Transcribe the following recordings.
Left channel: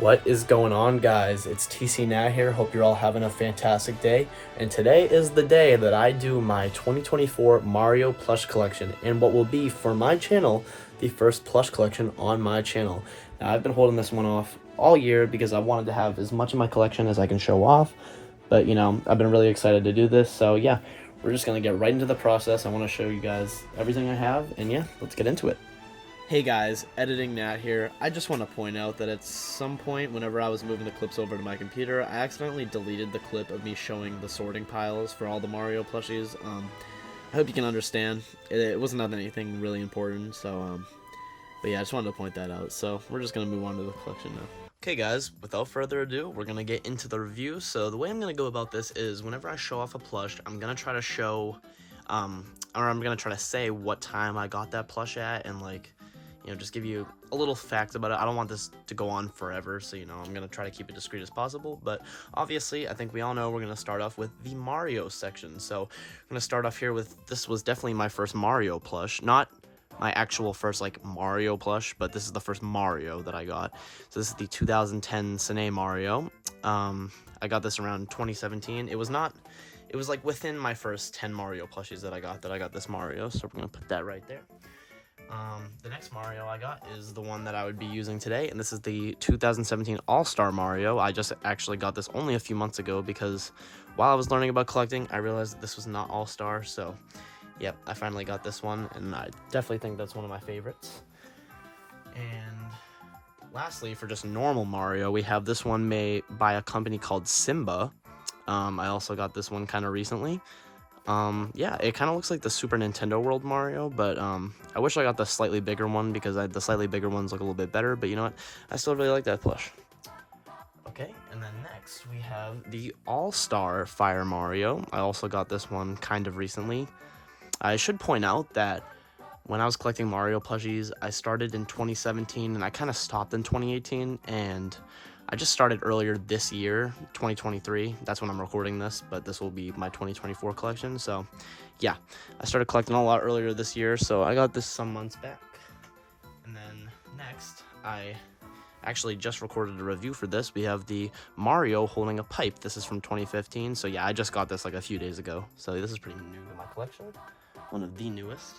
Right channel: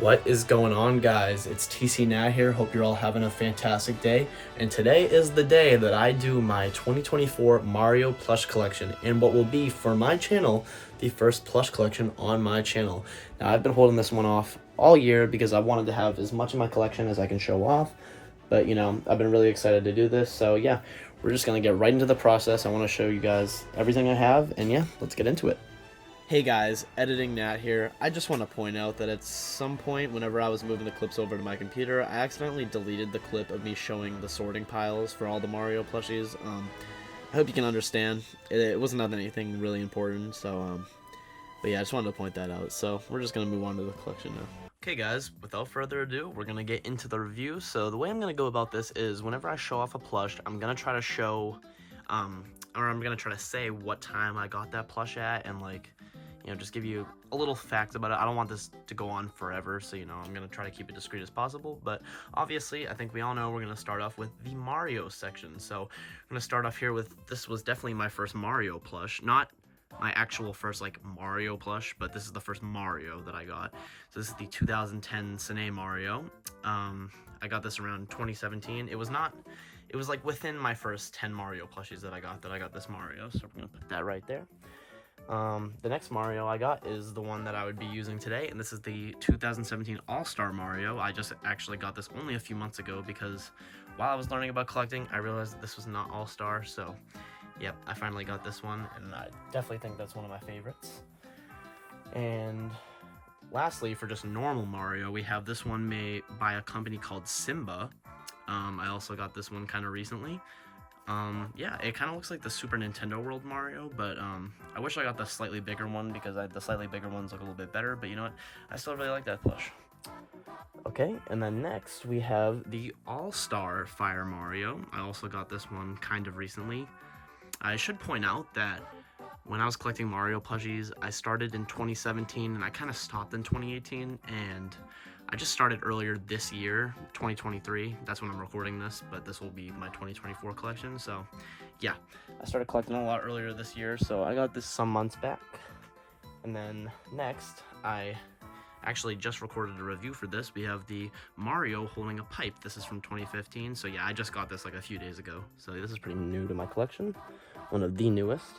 What is going on, guys? It's TCNat here. Hope you're all having a fantastic day. And today is the day that I do my 2024 Mario Plush Collection, and what will be, for my channel, the first plush collection on my channel. Now, I've been holding this one off all year because I wanted to have as much of my collection as I can show off. But, you know, I've been really excited to do this. So, yeah, we're just going to get right into the process. I want to show you guys everything I have. And, yeah, let's get into it. Hey guys, Editing Nat here. I just want to point out that at some point whenever I was moving the clips over to my computer, I accidentally deleted the clip of me showing the sorting piles for all the Mario plushies. I hope you can understand. It wasn't anything really important, so, but yeah, I just wanted to point that out. So we're just going to move on to the collection now. Okay guys, without further ado, we're going to get into the review. So the way I'm going to go about this is whenever I show off a plush, I'm going to try to show, or I'm going to try to say what time I got that plush at and, like, you know, just give you a little fact about it. I don't want this to go on forever, so, you know, I'm going to try to keep it discreet as possible. But obviously, I think we all know we're going to start off with the Mario section. So I'm going to start off here with, this was definitely my first Mario plush. Not my actual first, like, Mario plush, but this is the first Mario that I got. So this is the 2010 Cine Mario. I got this around 2017. It was like within my first 10 Mario plushies that I got this Mario. So we're going to put that right there. The next Mario I got is the one that I would be using today, and this is the 2017 All-Star Mario. I just actually got this only a few months ago because while I was learning about collecting, I realized that this was not All-Star, so yep, I finally got this one, and I definitely think that's one of my favorites. And lastly, for just normal Mario, we have this one made by a company called Simba. I also got this one kind of recently. Yeah, it kind of looks like the Super Nintendo World Mario, but I wish I got the slightly bigger one because the slightly bigger ones look a little bit better, but you know what, I still really like that plush. Okay, and then next we have the All-Star Fire Mario. I also got this one kind of recently. I should point out that when I was collecting Mario plushies, I started in 2017 and I kind of stopped in 2018, and I just started earlier this year, 2023. That's when I'm recording this, but this will be my 2024 collection. So yeah, I started collecting a lot earlier this year, so I got this some months back. And then next, I actually just recorded a review for this. We have the Mario holding a pipe. This is from 2015. So yeah, I just got this like a few days ago. So this is pretty new to my collection, one of the newest.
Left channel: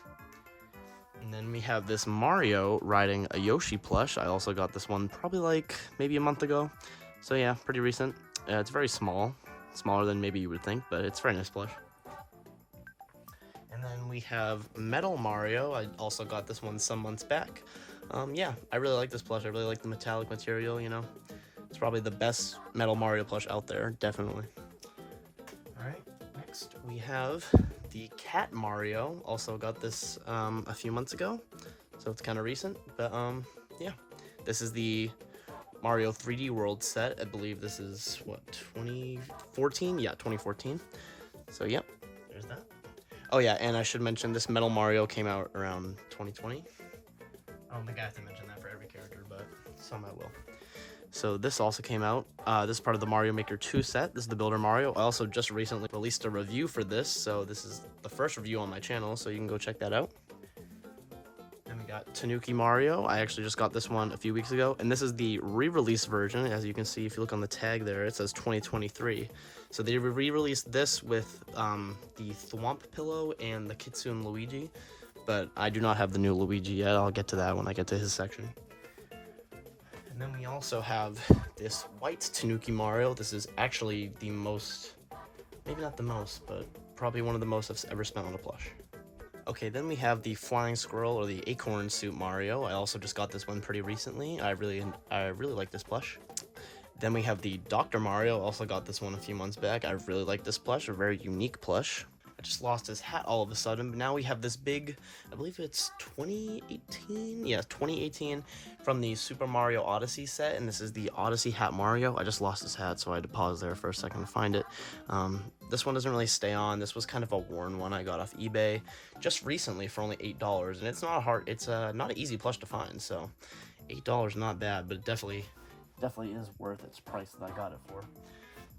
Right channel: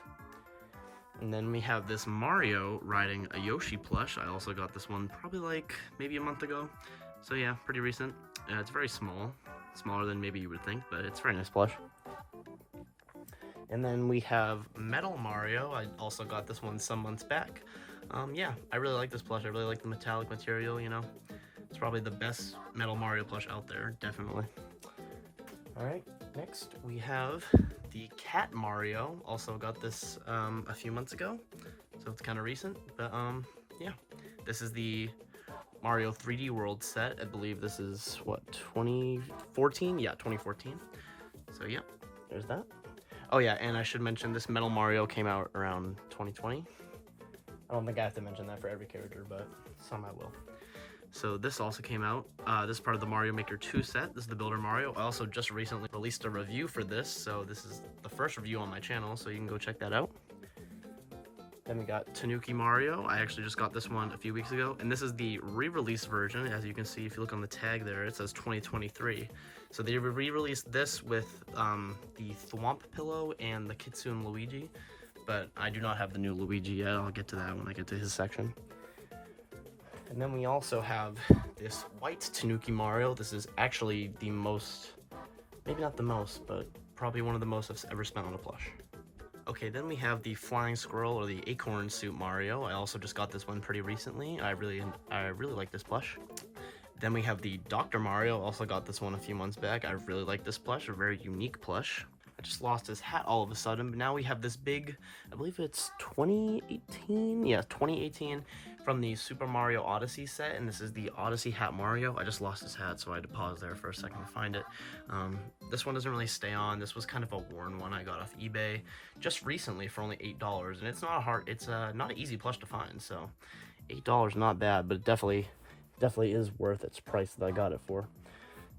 And then we have this Mario riding a Yoshi plush. I also got this one probably like maybe a month ago. So yeah, pretty recent. It's very small. Smaller than maybe you would think, but it's a very nice plush. And then we have Metal Mario. I also got this one some months back. Yeah, I really like this plush. I really like the metallic material, you know. It's probably the best Metal Mario plush out there, definitely. Alright, next we have the Cat Mario. Also got this a few months ago, so it's kind of recent, but yeah, this is the Mario 3D World set. I believe this is what, 2014? Yeah, 2014. So yep, there's that. Oh yeah, and I should mention this Metal Mario came out around 2020. I don't think I have to mention that for every character, but some I will. So this also came out. This is part of the Mario Maker 2 set. This is the Builder Mario. I also just recently released a review for this, so this is the first review on my channel, so you can go check that out. Then we got Tanuki Mario. I actually just got this one a few weeks ago, and this is the re-release version. As you can see, if you look on the tag there, it says 2023. So they re-released this with the Thwomp Pillow and the Kitsune Luigi, but I do not have the new Luigi yet. I'll get to that when I get to his section. And then we also have this white Tanuki Mario. This is actually the most, maybe not the most, but probably one of the most I've ever spent on a plush. Okay, then we have the Flying Squirrel or the Acorn Suit Mario. I also just got this one pretty recently. I really like this plush. Then we have the Dr. Mario. Also got this one a few months back. I really like this plush, a very unique plush. I just lost his hat all of a sudden, but now we have this big, I believe it's 2018? Yeah, 2018 from the Super Mario Odyssey set, and this is the Odyssey Hat Mario. I just lost his hat, so I had to pause there for a second to find it. This one doesn't really stay on. This was kind of a worn one I got off eBay just recently for only $8, and it's not not an easy plush to find, so $8 not bad, but it definitely is worth its price that I got it for.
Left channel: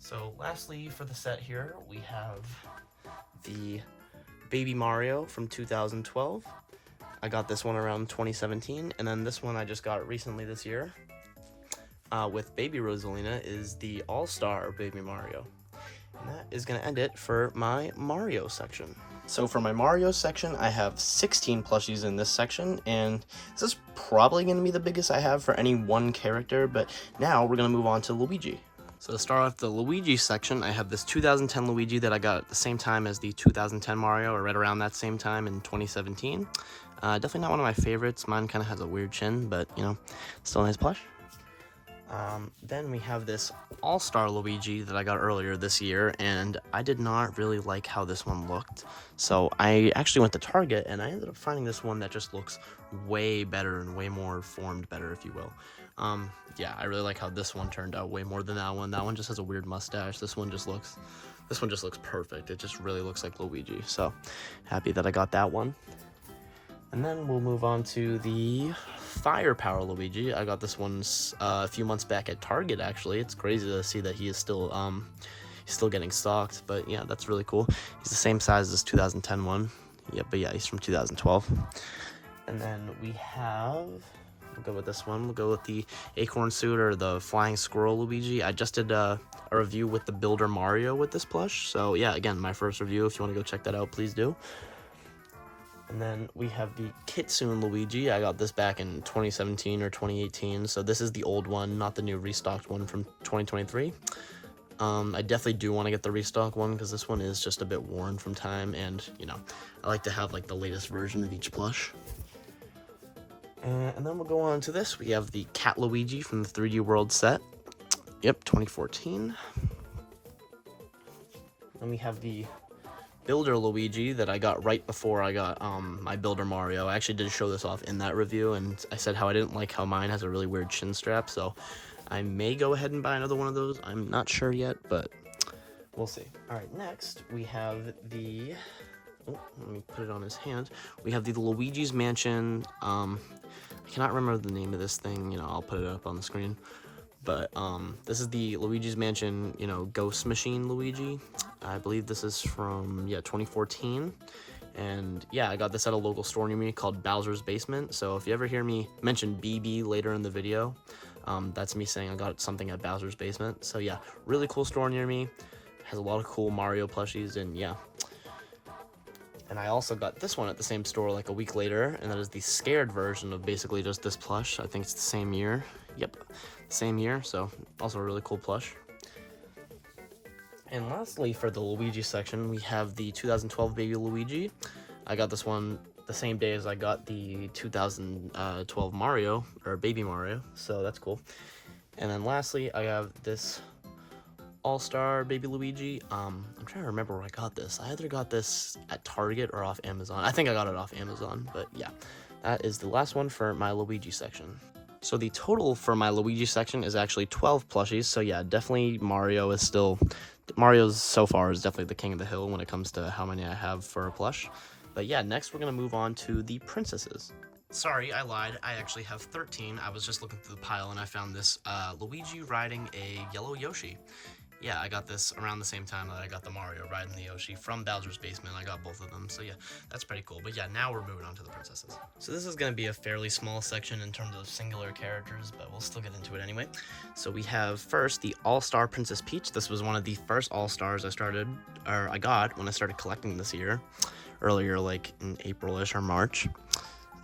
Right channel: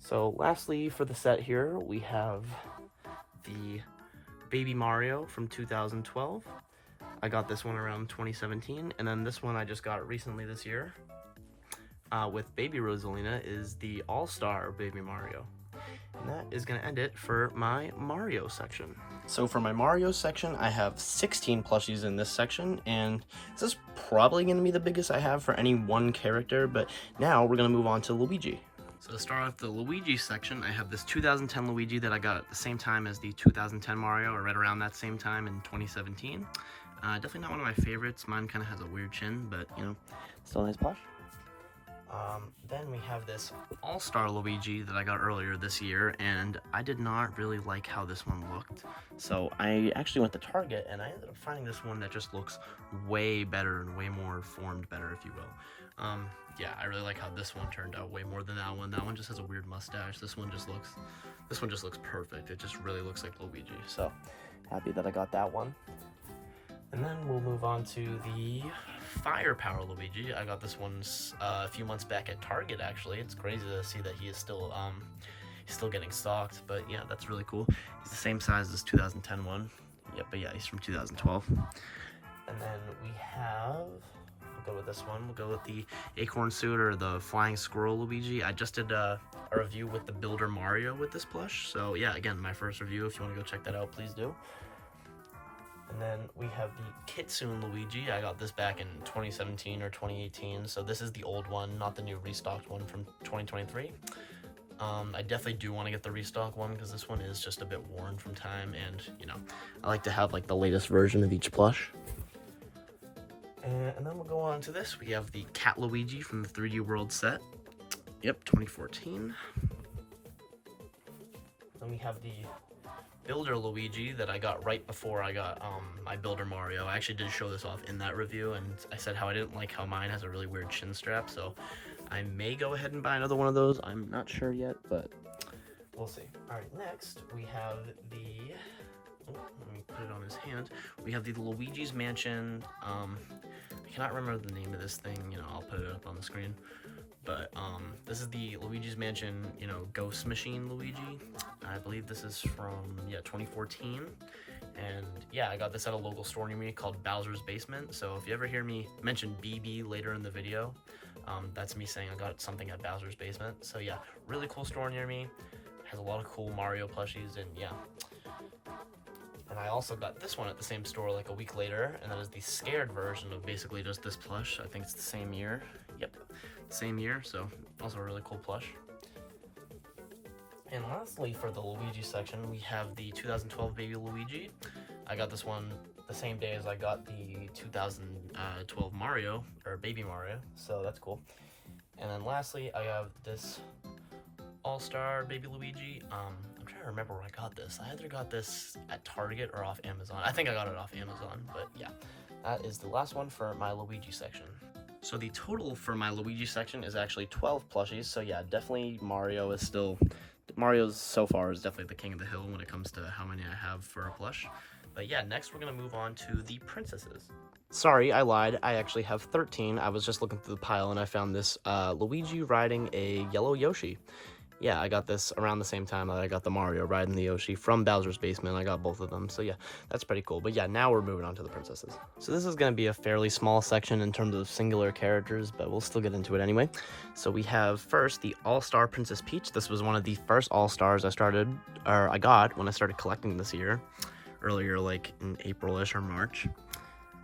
So lastly for the set here, we have the Baby Mario from 2012. I got this one around 2017, and then this one I just got recently this year. with Baby Rosalina is the All-Star Baby Mario. And that is going to end it for my Mario section. So for my Mario section, I have 16 plushies in this section, and this is probably going to be the biggest I have for any one character, but now we're going to move on to Luigi. So to start off the Luigi section, I have this 2010 Luigi that I got at the same time as the 2010 Mario, or right around that same time in 2017. Definitely not one of my favorites. Mine kind of has a weird chin, but, you know, still a nice plush. Then we have this All-Star Luigi that I got earlier this year, and I did not really like how this one looked. So I actually went to Target, and I ended up finding this one that just looks way better and way more formed better, if you will. Yeah, I really like how this one turned out way more than that one. That one just has a weird mustache. This one just looks perfect. It just really looks like Luigi. So happy that I got that one. And then we'll move on to the Firepower Luigi. I got this one a few months back at Target, actually. It's crazy to see that he is still getting stocked, but yeah, that's really cool. He's the same size as this 2010 one. Yeah, but yeah, he's from 2012. And then we have, we'll go with this one. We'll go with the Acorn Suit, or the Flying Squirrel Luigi. I just did a review with the Builder Mario with this plush. So yeah, again, my first review. If you want to go check that out, please do. And then we have the Kitsune Luigi. I got this back in 2017 or 2018, so this is the old one, not the new restocked one from 2023. I definitely do want to get the restock one, because this one is just a bit worn from time, and, you know, I like to have, like, the latest version of each plush. And then we'll go on to this. We have the Cat Luigi from the 3D World set. Yep, 2014. Then we have the Builder Luigi that I got right before I got my Builder Mario. I actually did show this off in that review, and I said how I didn't like how mine has a really weird chin strap, so I may go ahead and buy another one of those. I'm not sure yet, but we'll see. Alright, next we have the, oh, let me put it on his hand. We have the Luigi's Mansion, I cannot remember the name of this thing, you know, I'll put it up on the screen. But this is the Luigi's Mansion, you know, Ghost Machine Luigi. I believe this is from, yeah, 2014. And yeah, I got this at a local store near me called Bowser's Basement. So if you ever hear me mention BB later in the video, that's me saying I got something at Bowser's Basement. So yeah, really cool store near me. Has a lot of cool Mario plushies, and yeah. And I also got this one at the same store like a week later, and that is the Scared version of basically just this plush. I think it's the same year. Yep, same year, so also a really cool plush. And lastly, for the Luigi section, we have the 2012 Baby Luigi. I got this one the same day as I got the 2012 Mario, or Baby Mario, so that's cool. And then lastly, I have this All-Star Baby Luigi. I'm trying to remember where I got this. I either got this at Target or off Amazon. I think I got it off Amazon, but yeah. That is the last one for my Luigi section. So the total for my Luigi section is actually 12 plushies, so yeah, definitely Mario's so far is definitely the king of the hill when it comes to how many I have for a plush. But yeah, next we're going to move on to the princesses. Sorry, I lied. I actually have 13. I was just looking through the pile and I found this Luigi riding a yellow Yoshi. Yeah, I got this around the same time that I got the Mario riding the Yoshi from Bowser's Basement. I got both of them, so yeah, that's pretty cool. But yeah, now we're moving on to the princesses. So this is going to be a fairly small section in terms of singular characters, but we'll still get into it anyway. So we have first the All-Star Princess Peach. This was one of the first All-Stars I got when I started collecting this year, earlier like in April-ish or March.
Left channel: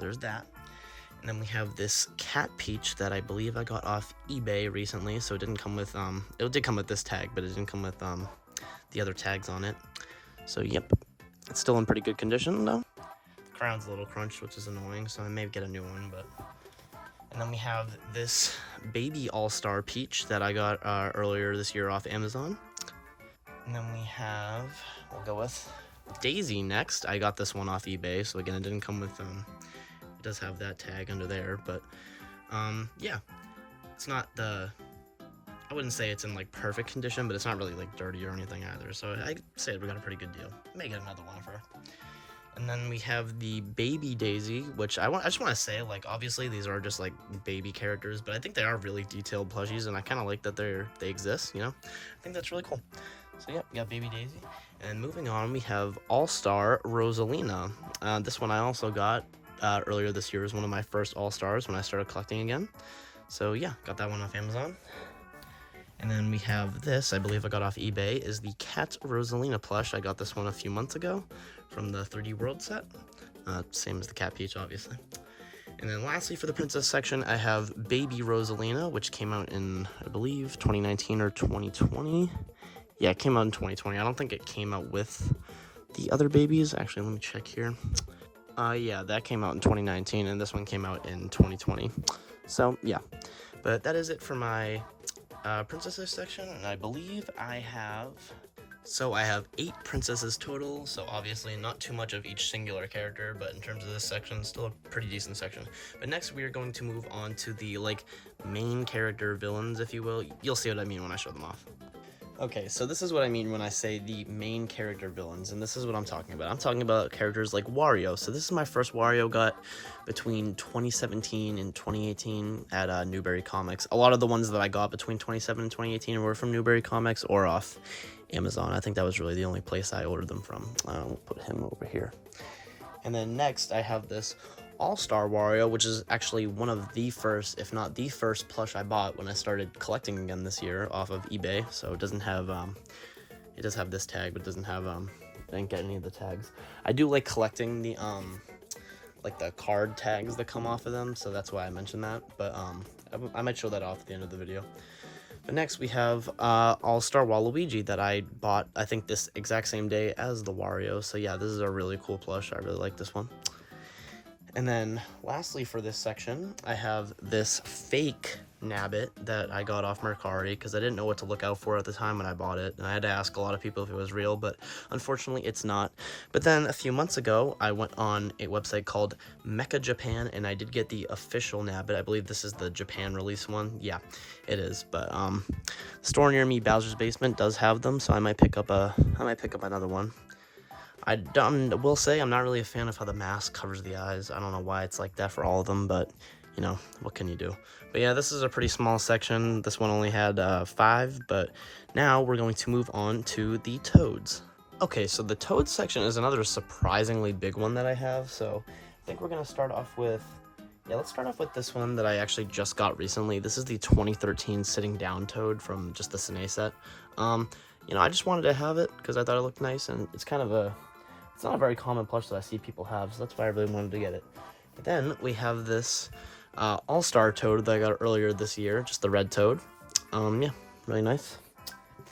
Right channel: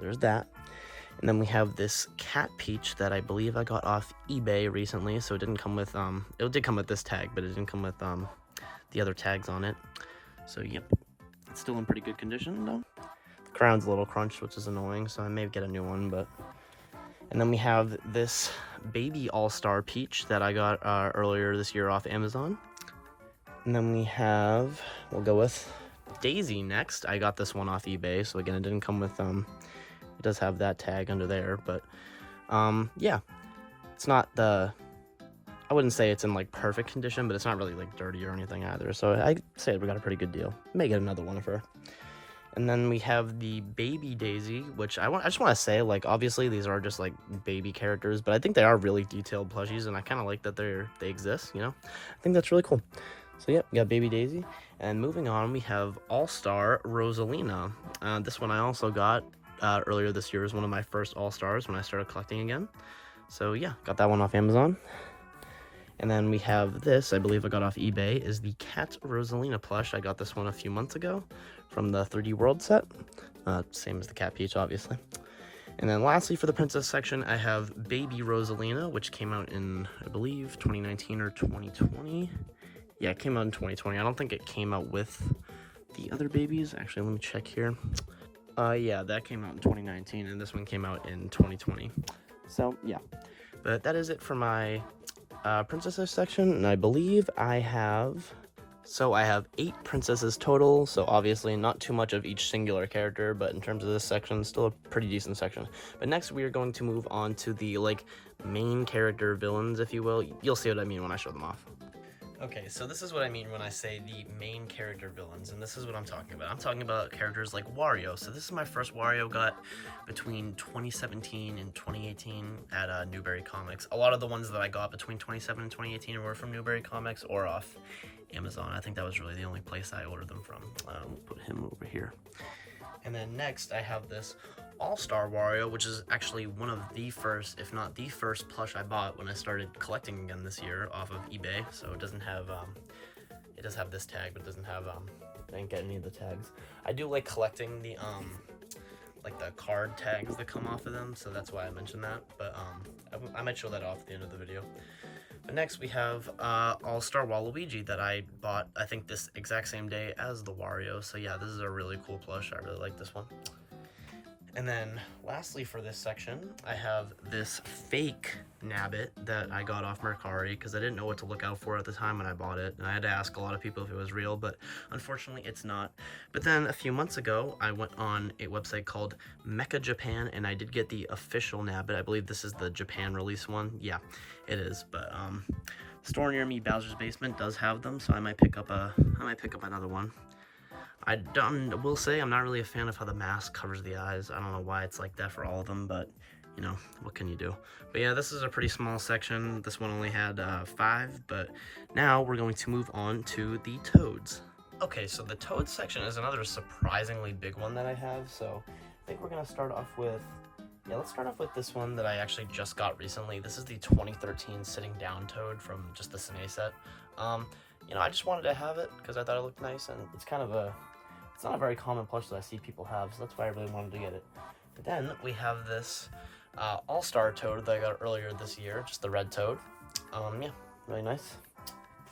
There's that. And then we have this Cat Peach that I believe I got off eBay recently, so it didn't come with, it did come with this tag, but it didn't come with, the other tags on it. So, yep, it's still in pretty good condition, though. The crown's a little crunched, which is annoying, so I may get a new one, but... And then we have this Baby All-Star Peach that I got earlier this year off Amazon. And then we have, we'll go with Daisy next. I got this one off eBay, so again, it didn't come with, it does have that tag under there, but, yeah, it's not I wouldn't say it's in, like, perfect condition, but it's not really, like, dirty or anything either, so I'd say we got a pretty good deal. May get another one of her. And then we have the Baby Daisy, which I just want to say, like, obviously these are just, like, baby characters, but I think they are really detailed plushies, and I kind of like that they exist, you know? I think that's really cool. So, yeah, we got Baby Daisy. And moving on, we have All-Star Rosalina. This one I also got earlier this year. Is one of my first All-Stars when I started collecting again. So yeah, got that one off Amazon. And then we have this, I believe I got off eBay, is the Cat Rosalina plush. I got this one a few months ago from the 3D World set. Same as the Cat Peach, obviously. And then lastly, for the princess section, I have Baby Rosalina, which came out in, I believe, 2019 or 2020. Yeah, it came out in 2020. I don't think it came out with the other babies. Actually, let me check here. Yeah, that came out in 2019, and this one came out in 2020. So, yeah. But that is it for my princesses section, and I believe I have 8 princesses total, so obviously not too much of each singular character, but in terms of this section, still a pretty decent section. But next we are going to move on to the main character villains, if you will. You'll see what I mean when I show them off. Okay, so this is what I mean when I say the main character villains, and this is what I'm talking about. I'm talking about characters like Wario. So this is my first Wario got between 2017 and 2018 at Newberry Comics. A lot of the ones that I got between 2017 and 2018 were from Newberry Comics or off Amazon. I think that was really the only place I ordered them from. We'll put him over here. And then next I have this All-Star Wario, which is actually one of the first, if not the first plush I bought when I started collecting again this year off of eBay. So it doesn't have, it does have this tag, but it doesn't have, I didn't get any of the tags. I do like collecting the, the card tags that come off of them, so that's why I mentioned that. But I might show that off at the end of the video. But next we have All-Star Waluigi that I bought, I think, this exact same day as the Wario. So yeah, this is a really cool plush. I really like this one. And then lastly for this section, I have this fake Nabbit that I got off Mercari because I didn't know what to look out for at the time when I bought it. And I had to ask a lot of people if it was real, but unfortunately it's not. But then a few months ago, I went on a website called Mecha Japan, and I did get the official Nabbit. I believe this is the Japan release one. Yeah, it is. But store near me, Bowser's Basement, does have them, so I might pick up another one. I will say I'm not really a fan of how the mask covers the eyes. I don't know why it's like that for all of them, but you know, what can you do? But yeah, this is a pretty small section. This one only had 5, but now we're going to move on to the Toads. Okay, so the Toads section is another surprisingly big one that I have. So I think we're gonna start off with, let's start off with this one that I actually just got recently. This is the 2013 Sitting Down Toad from just the Cine set. You know, I just wanted to have it because I thought it looked nice, and it's kind of it's not a very common plush that I see people have, so that's why I really wanted to get it. But then we have this All-Star Toad that I got earlier this year, just the red Toad. Yeah, really nice.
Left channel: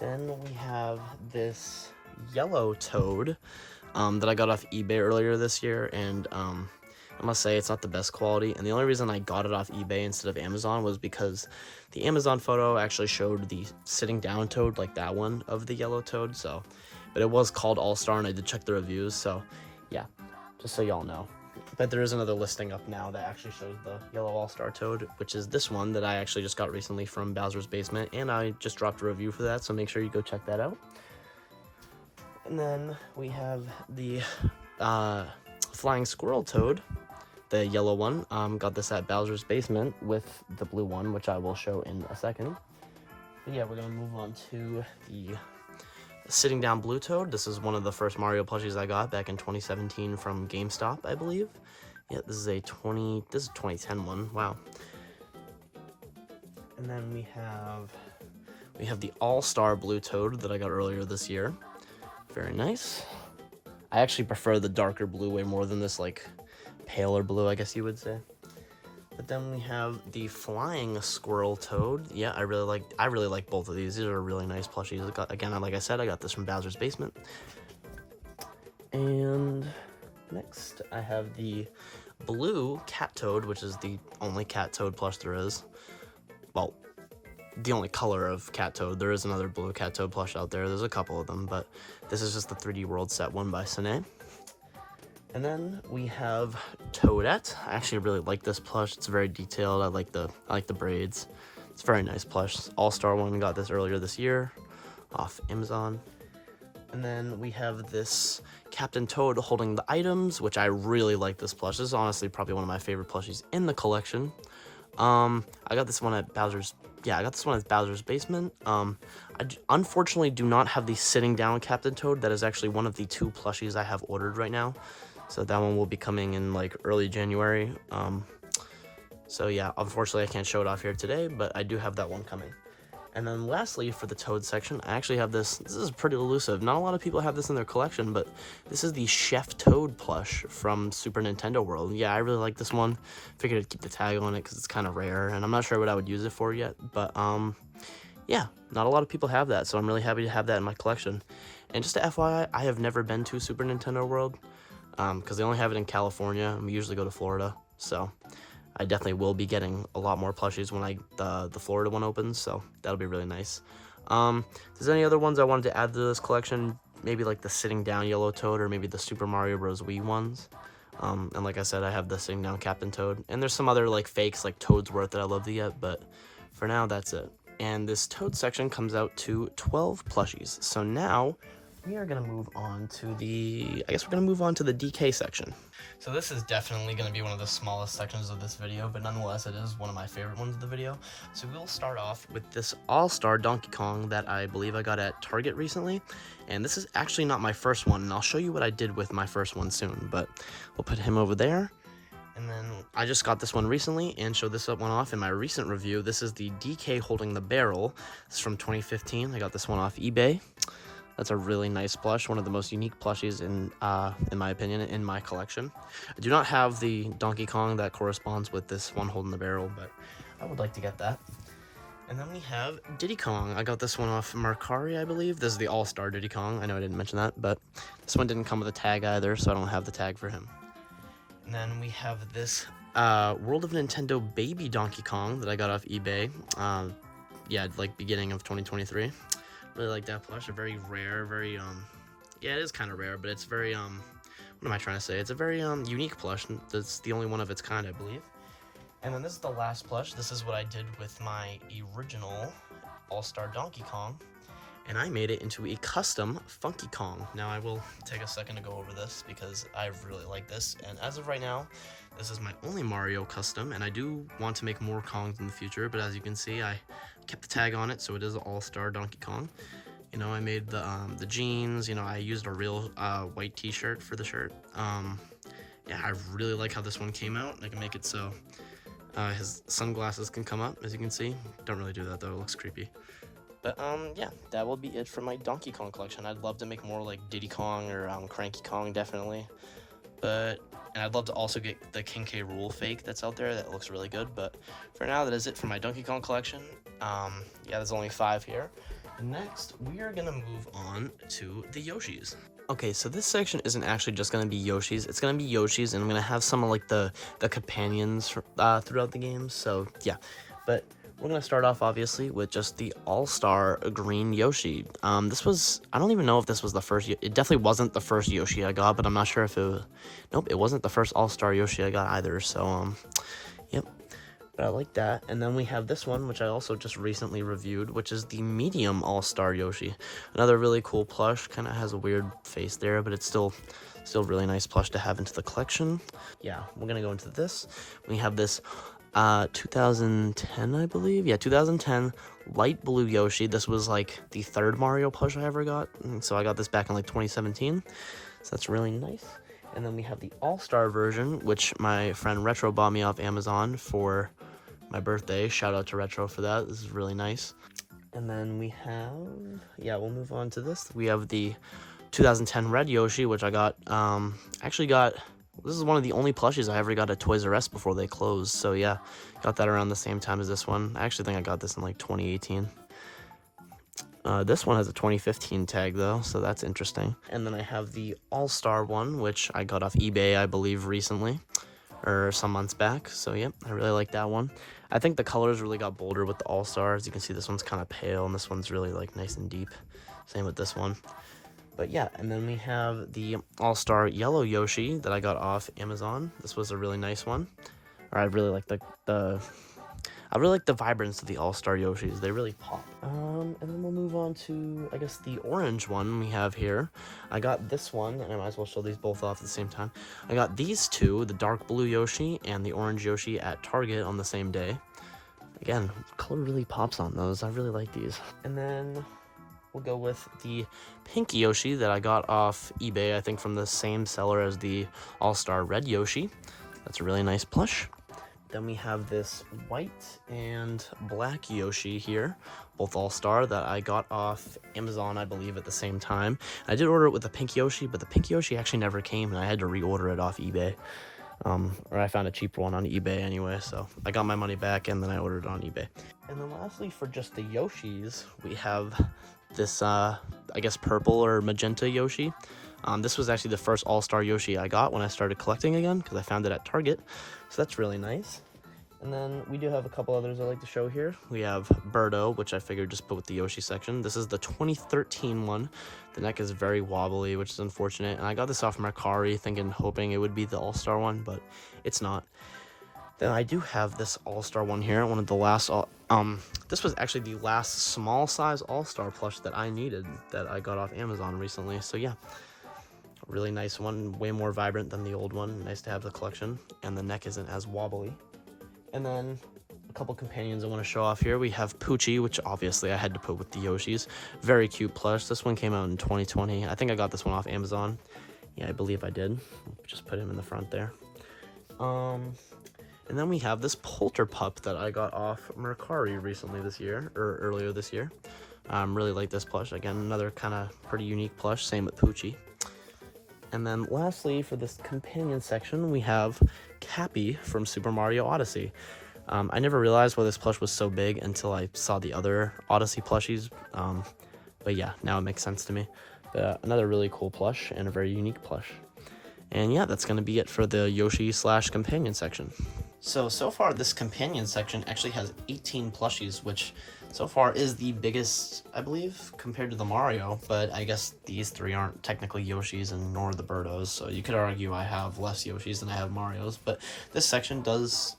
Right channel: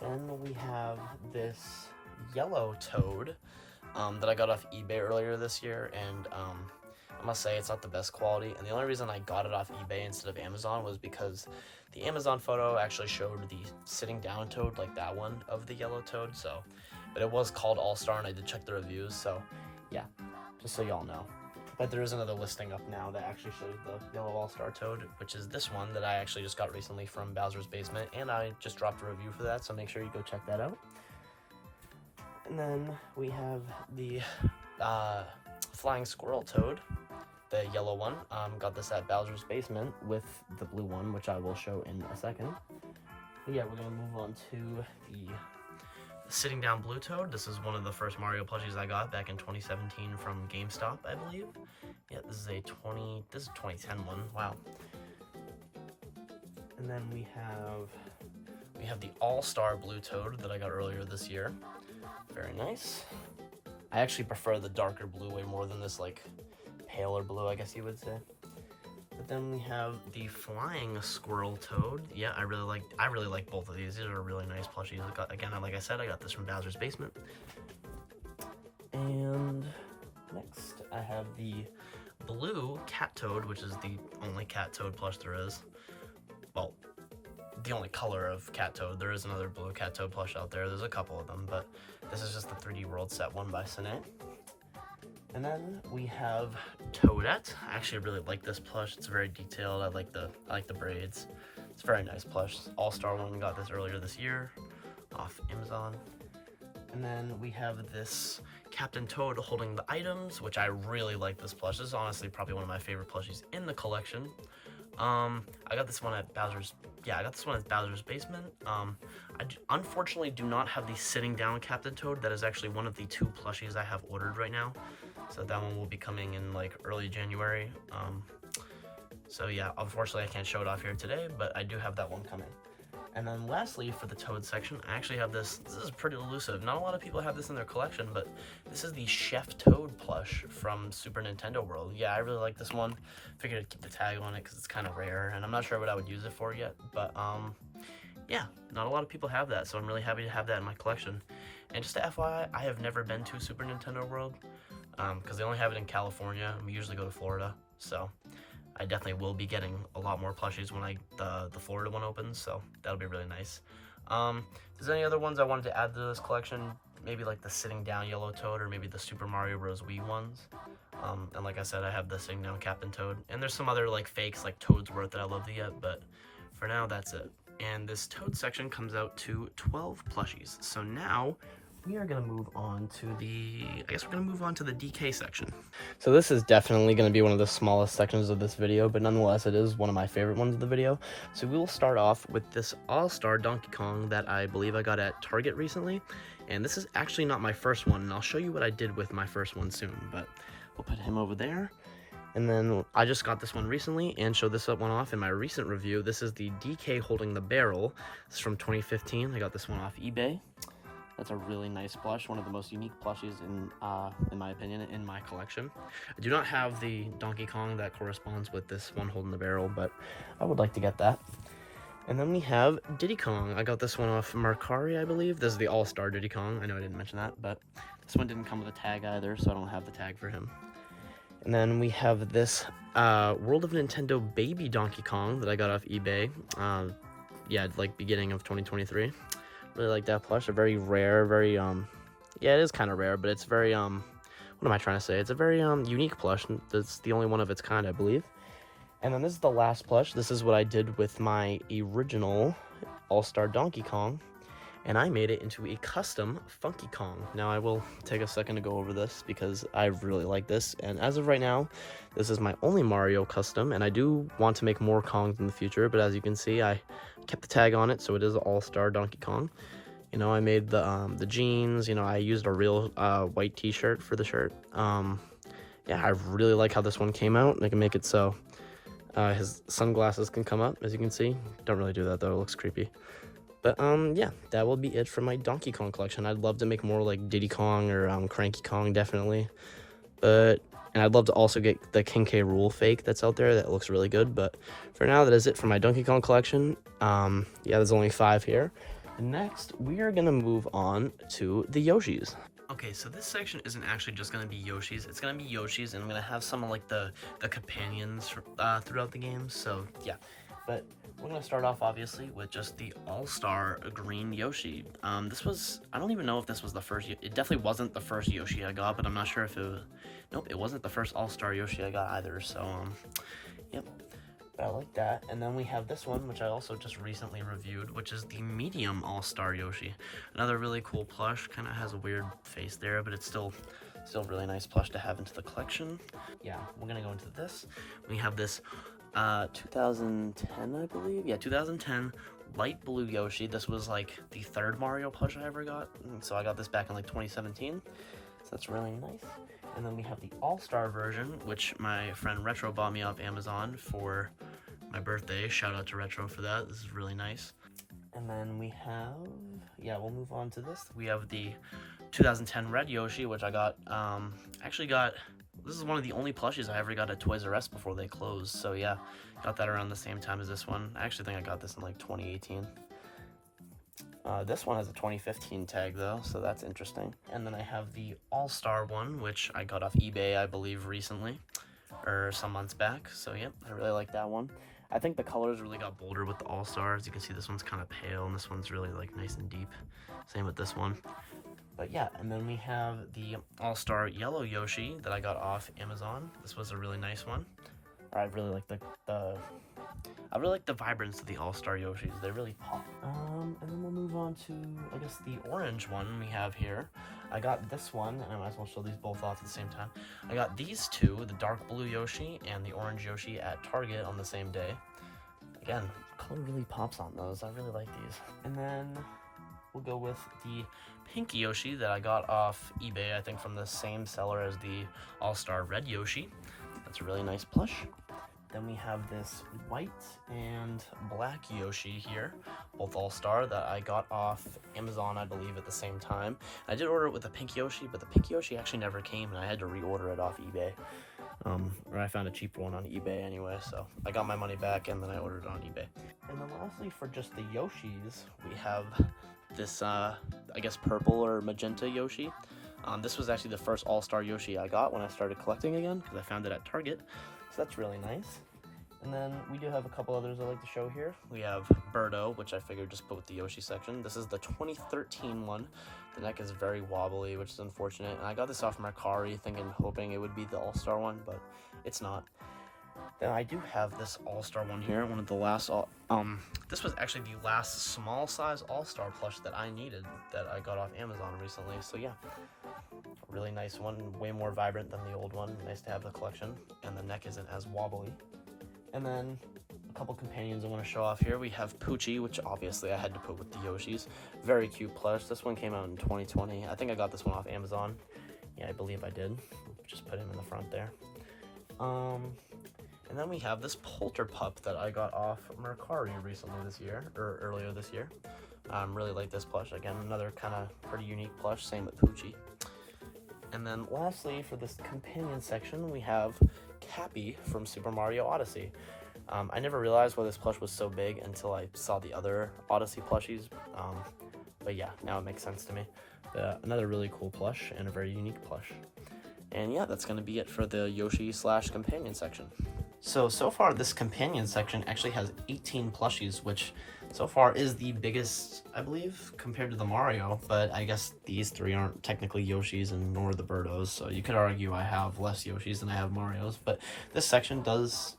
Then we have this yellow Toad that I got off eBay earlier this year, and I must say it's not the best quality. And the only reason I got it off eBay instead of Amazon was because the Amazon photo actually showed the sitting down Toad, like that one, of the yellow Toad, so. But it was called All-Star, and I did check the reviews, so yeah, just so y'all know. But there is another listing up now that actually shows the yellow All-Star Toad, which is this one that I actually just got recently from Bowser's Basement, and I just dropped a review for that, so make sure you go check that out. And then we have the Flying Squirrel Toad, the yellow one. Got this at Bowser's Basement with the blue one, which I will show in a second. But yeah, we're gonna move on to the Sitting Down Blue Toad. This is one of the first Mario plushies I got back in 2017 from GameStop, I believe. Yeah, this is a 2010 one. Wow. And then we have the All-Star Blue Toad that I got earlier this year. Very nice. I actually prefer the darker blue way more than this paler blue, I guess you would say. But then we have the Flying Squirrel Toad. Yeah, I really like both of these. These are really nice plushies. Again, like I said, I got this from Bowser's Basement. And next, I have the blue Cat Toad, which is the only Cat Toad plush there is. Well, the only color of Cat Toad. There is another blue Cat Toad plush out there. There's a couple of them, but this is just the 3D World set one by Cine. And then we have Toadette. I actually really like this plush. It's very detailed. I like the braids. It's a very nice plush. All-Star one, got this earlier this year off Amazon. And then we have this Captain Toad holding the items, which I really like this plush. This is honestly probably one of my favorite plushies in the collection. I got this one at Bowser's Basement. I unfortunately do not have the sitting down Captain Toad. That is actually one of the 2 plushies I have ordered right now. So that one will be coming in early January. So yeah, unfortunately I can't show it off here today, but I do have that one coming. And then lastly, for the Toad section, I actually have this. This is pretty elusive. Not a lot of people have this in their collection, but this is the Chef Toad plush from Super Nintendo World. Yeah, I really like this one. Figured I'd keep the tag on it because it's kind of rare, and I'm not sure what I would use it for yet. But yeah, not a lot of people have that, so I'm really happy to have that in my collection. And just to FYI, I have never been to Super Nintendo World because they only have it in California, and we usually go to Florida, so I definitely will be getting a lot more plushies when the Florida one opens, so that'll be really nice. If there's any other ones I wanted to add to this collection, maybe like the sitting down yellow Toad, or maybe the Super Mario Bros. Wii ones. And like I said, I have the sitting down Captain Toad, and there's some other like fakes like Toadsworth that I love to get, but for now that's it. And this Toad section comes out to 12 plushies. So now we are going to move on to the, I guess we're going to move on to the DK section. So this is definitely going to be one of the smallest sections of this video, but nonetheless, it is one of my favorite ones of the video. So we will start off with this All-Star Donkey Kong that I believe I got at Target recently. And this is actually not my first one, and I'll show you what I did with my first one soon, but we'll put him over there. And then I just got this one recently and showed this one off in my recent review. This is the DK holding the barrel. This is from 2015. I got this one off eBay. That's a really nice plush, one of the most unique plushies in my opinion, in my collection. I do not have the Donkey Kong that corresponds with this one holding the barrel, but I would like to get that. And then we have Diddy Kong. I got this one off Mercari, I believe. This is the All-Star Diddy Kong. I know I didn't mention that, but this one didn't come with a tag either, so I don't have the tag for him. And then we have this World of Nintendo Baby Donkey Kong that I got off eBay. Yeah, like beginning of 2023. Really like that plush. A very rare, very yeah, it is kind of rare, but it's very what am I trying to say? It's a very unique plush. It's the only one of its kind, I believe. And then this is the last plush. This is what I did with my original All-Star Donkey Kong, and I made it into a custom Funky Kong. Now I will take a second to go over this because I really like this, and as of right now, this is my only Mario custom, and I do want to make more Kongs in the future, but as you can see, I kept the tag on it, so it is an All-Star Donkey Kong. You know, I made the jeans, you know, I used a real white t-shirt for the shirt. Yeah, I really like how this one came out. I can make it so his sunglasses can come up, as you can see. Don't really do that though, it looks creepy. But yeah, that will be it for my Donkey Kong collection. I'd love to make more like Diddy Kong or Cranky Kong, definitely. And I'd love to also get the King K. Rool fake that's out there. That looks really good. But for now, that is it for my Donkey Kong collection. Yeah, there's only 5 here. Next, we are going to move on to the Yoshis. Okay, so this section isn't actually just going to be Yoshis. It's going to be Yoshis, and I'm going to have some of like the companions throughout the game. So yeah, but we're going to start off, obviously, with just the All-Star Green Yoshi. This was, I don't even know if this was the first, it definitely wasn't the first Yoshi I got, but I'm not sure if it was, nope, it wasn't the first All-Star Yoshi I got either, so, yep. But I like that. And then we have this one, which I also just recently reviewed, which is the Medium All-Star Yoshi. Another really cool plush, kind of has a weird face there, but it's still really nice plush to have into the collection. Yeah, we're going to go into this. We have this 2010, I believe. Yeah, 2010 light blue Yoshi. This was like the 3rd Mario plush I ever got. So I got this back in like 2017. So that's really nice. And then we have the All-Star version, which my friend Retro bought me off Amazon for my birthday. Shout out to Retro for that. This is really nice. And then we have, yeah, we'll move on to this. We have the 2010 red Yoshi, which I got, actually got, this is one of the only plushies I ever got at Toys R Us before they closed. So yeah, got that around the same time as this one. I actually think I got this in like 2018. This one has a 2015 tag though, so that's interesting. And then I have the All-Star one, which I got off eBay, I believe, recently, or some months back. So yeah, I really like that one. I think the colors really got bolder with the All-Star. As you can see, this one's kind of pale, and this one's really like nice and deep. Same with this one. But yeah, and then we have the All-Star Yellow Yoshi that I got off Amazon. This was a really nice one. Or I really like I really like the vibrance of the All-Star Yoshis. They really pop. And then we'll move on to, I guess, the orange one we have here. I got this one, and I might as well show these both off at the same time. I got these two, the dark blue Yoshi and the orange Yoshi, at Target on the same day. Again, color really pops on those. I really like these. And then we'll go with the pink Yoshi that I got off eBay, I think from the same seller as the All-Star red Yoshi. That's a really nice plush. Then we have this white and black Yoshi here, both All-Star, that I got off Amazon, I believe, at the same time. I did order it with the pink Yoshi, but the pink Yoshi actually never came, and I had to reorder it off eBay. Or I found a cheaper one on eBay anyway, so I got my money back, and then I ordered it on eBay. And then lastly, for just the Yoshis, we have this, I guess, purple or magenta Yoshi. This was actually the first All-Star Yoshi I got when I started collecting again, because I found it at Target, so that's really nice. And then we do have a couple others I like to show here. We have Birdo, which I figured just put with the Yoshi section. This is the 2013 one. The neck is very wobbly, which is unfortunate. And I got this off Mercari, hoping it would be the All-Star one, but it's not. Then I do have this All-Star one here, one of the last, this was actually the last small size All-Star plush that I needed that I got off Amazon recently, so yeah. Really nice one, way more vibrant than the old one. Nice to have the collection, and the neck isn't as wobbly. And then a couple companions I want to show off here. We have Poochie, which obviously I had to put with the Yoshis. Very cute plush. This one came out in 2020. I think I got this one off Amazon. Yeah, I believe I did. Just put him in the front there. And then we have this Polterpup that I got off Mercari recently this year, or earlier this year. Really like this plush. Again, another kind of pretty unique plush. Same with Poochie. And then lastly, for this companion section, we have Cappy from Super Mario Odyssey. I never realized why this plush was so big until I saw the other Odyssey plushies. But yeah, now it makes sense to me. Another really cool plush and a very unique plush. And yeah, that's going to be it for the Yoshi / companion section. So far this companion section actually has 18 plushies, which so far is the biggest, I believe, compared to the Mario, but I guess these three aren't technically Yoshis and nor the Birdos, so you could argue I have less Yoshis than I have Marios, but this section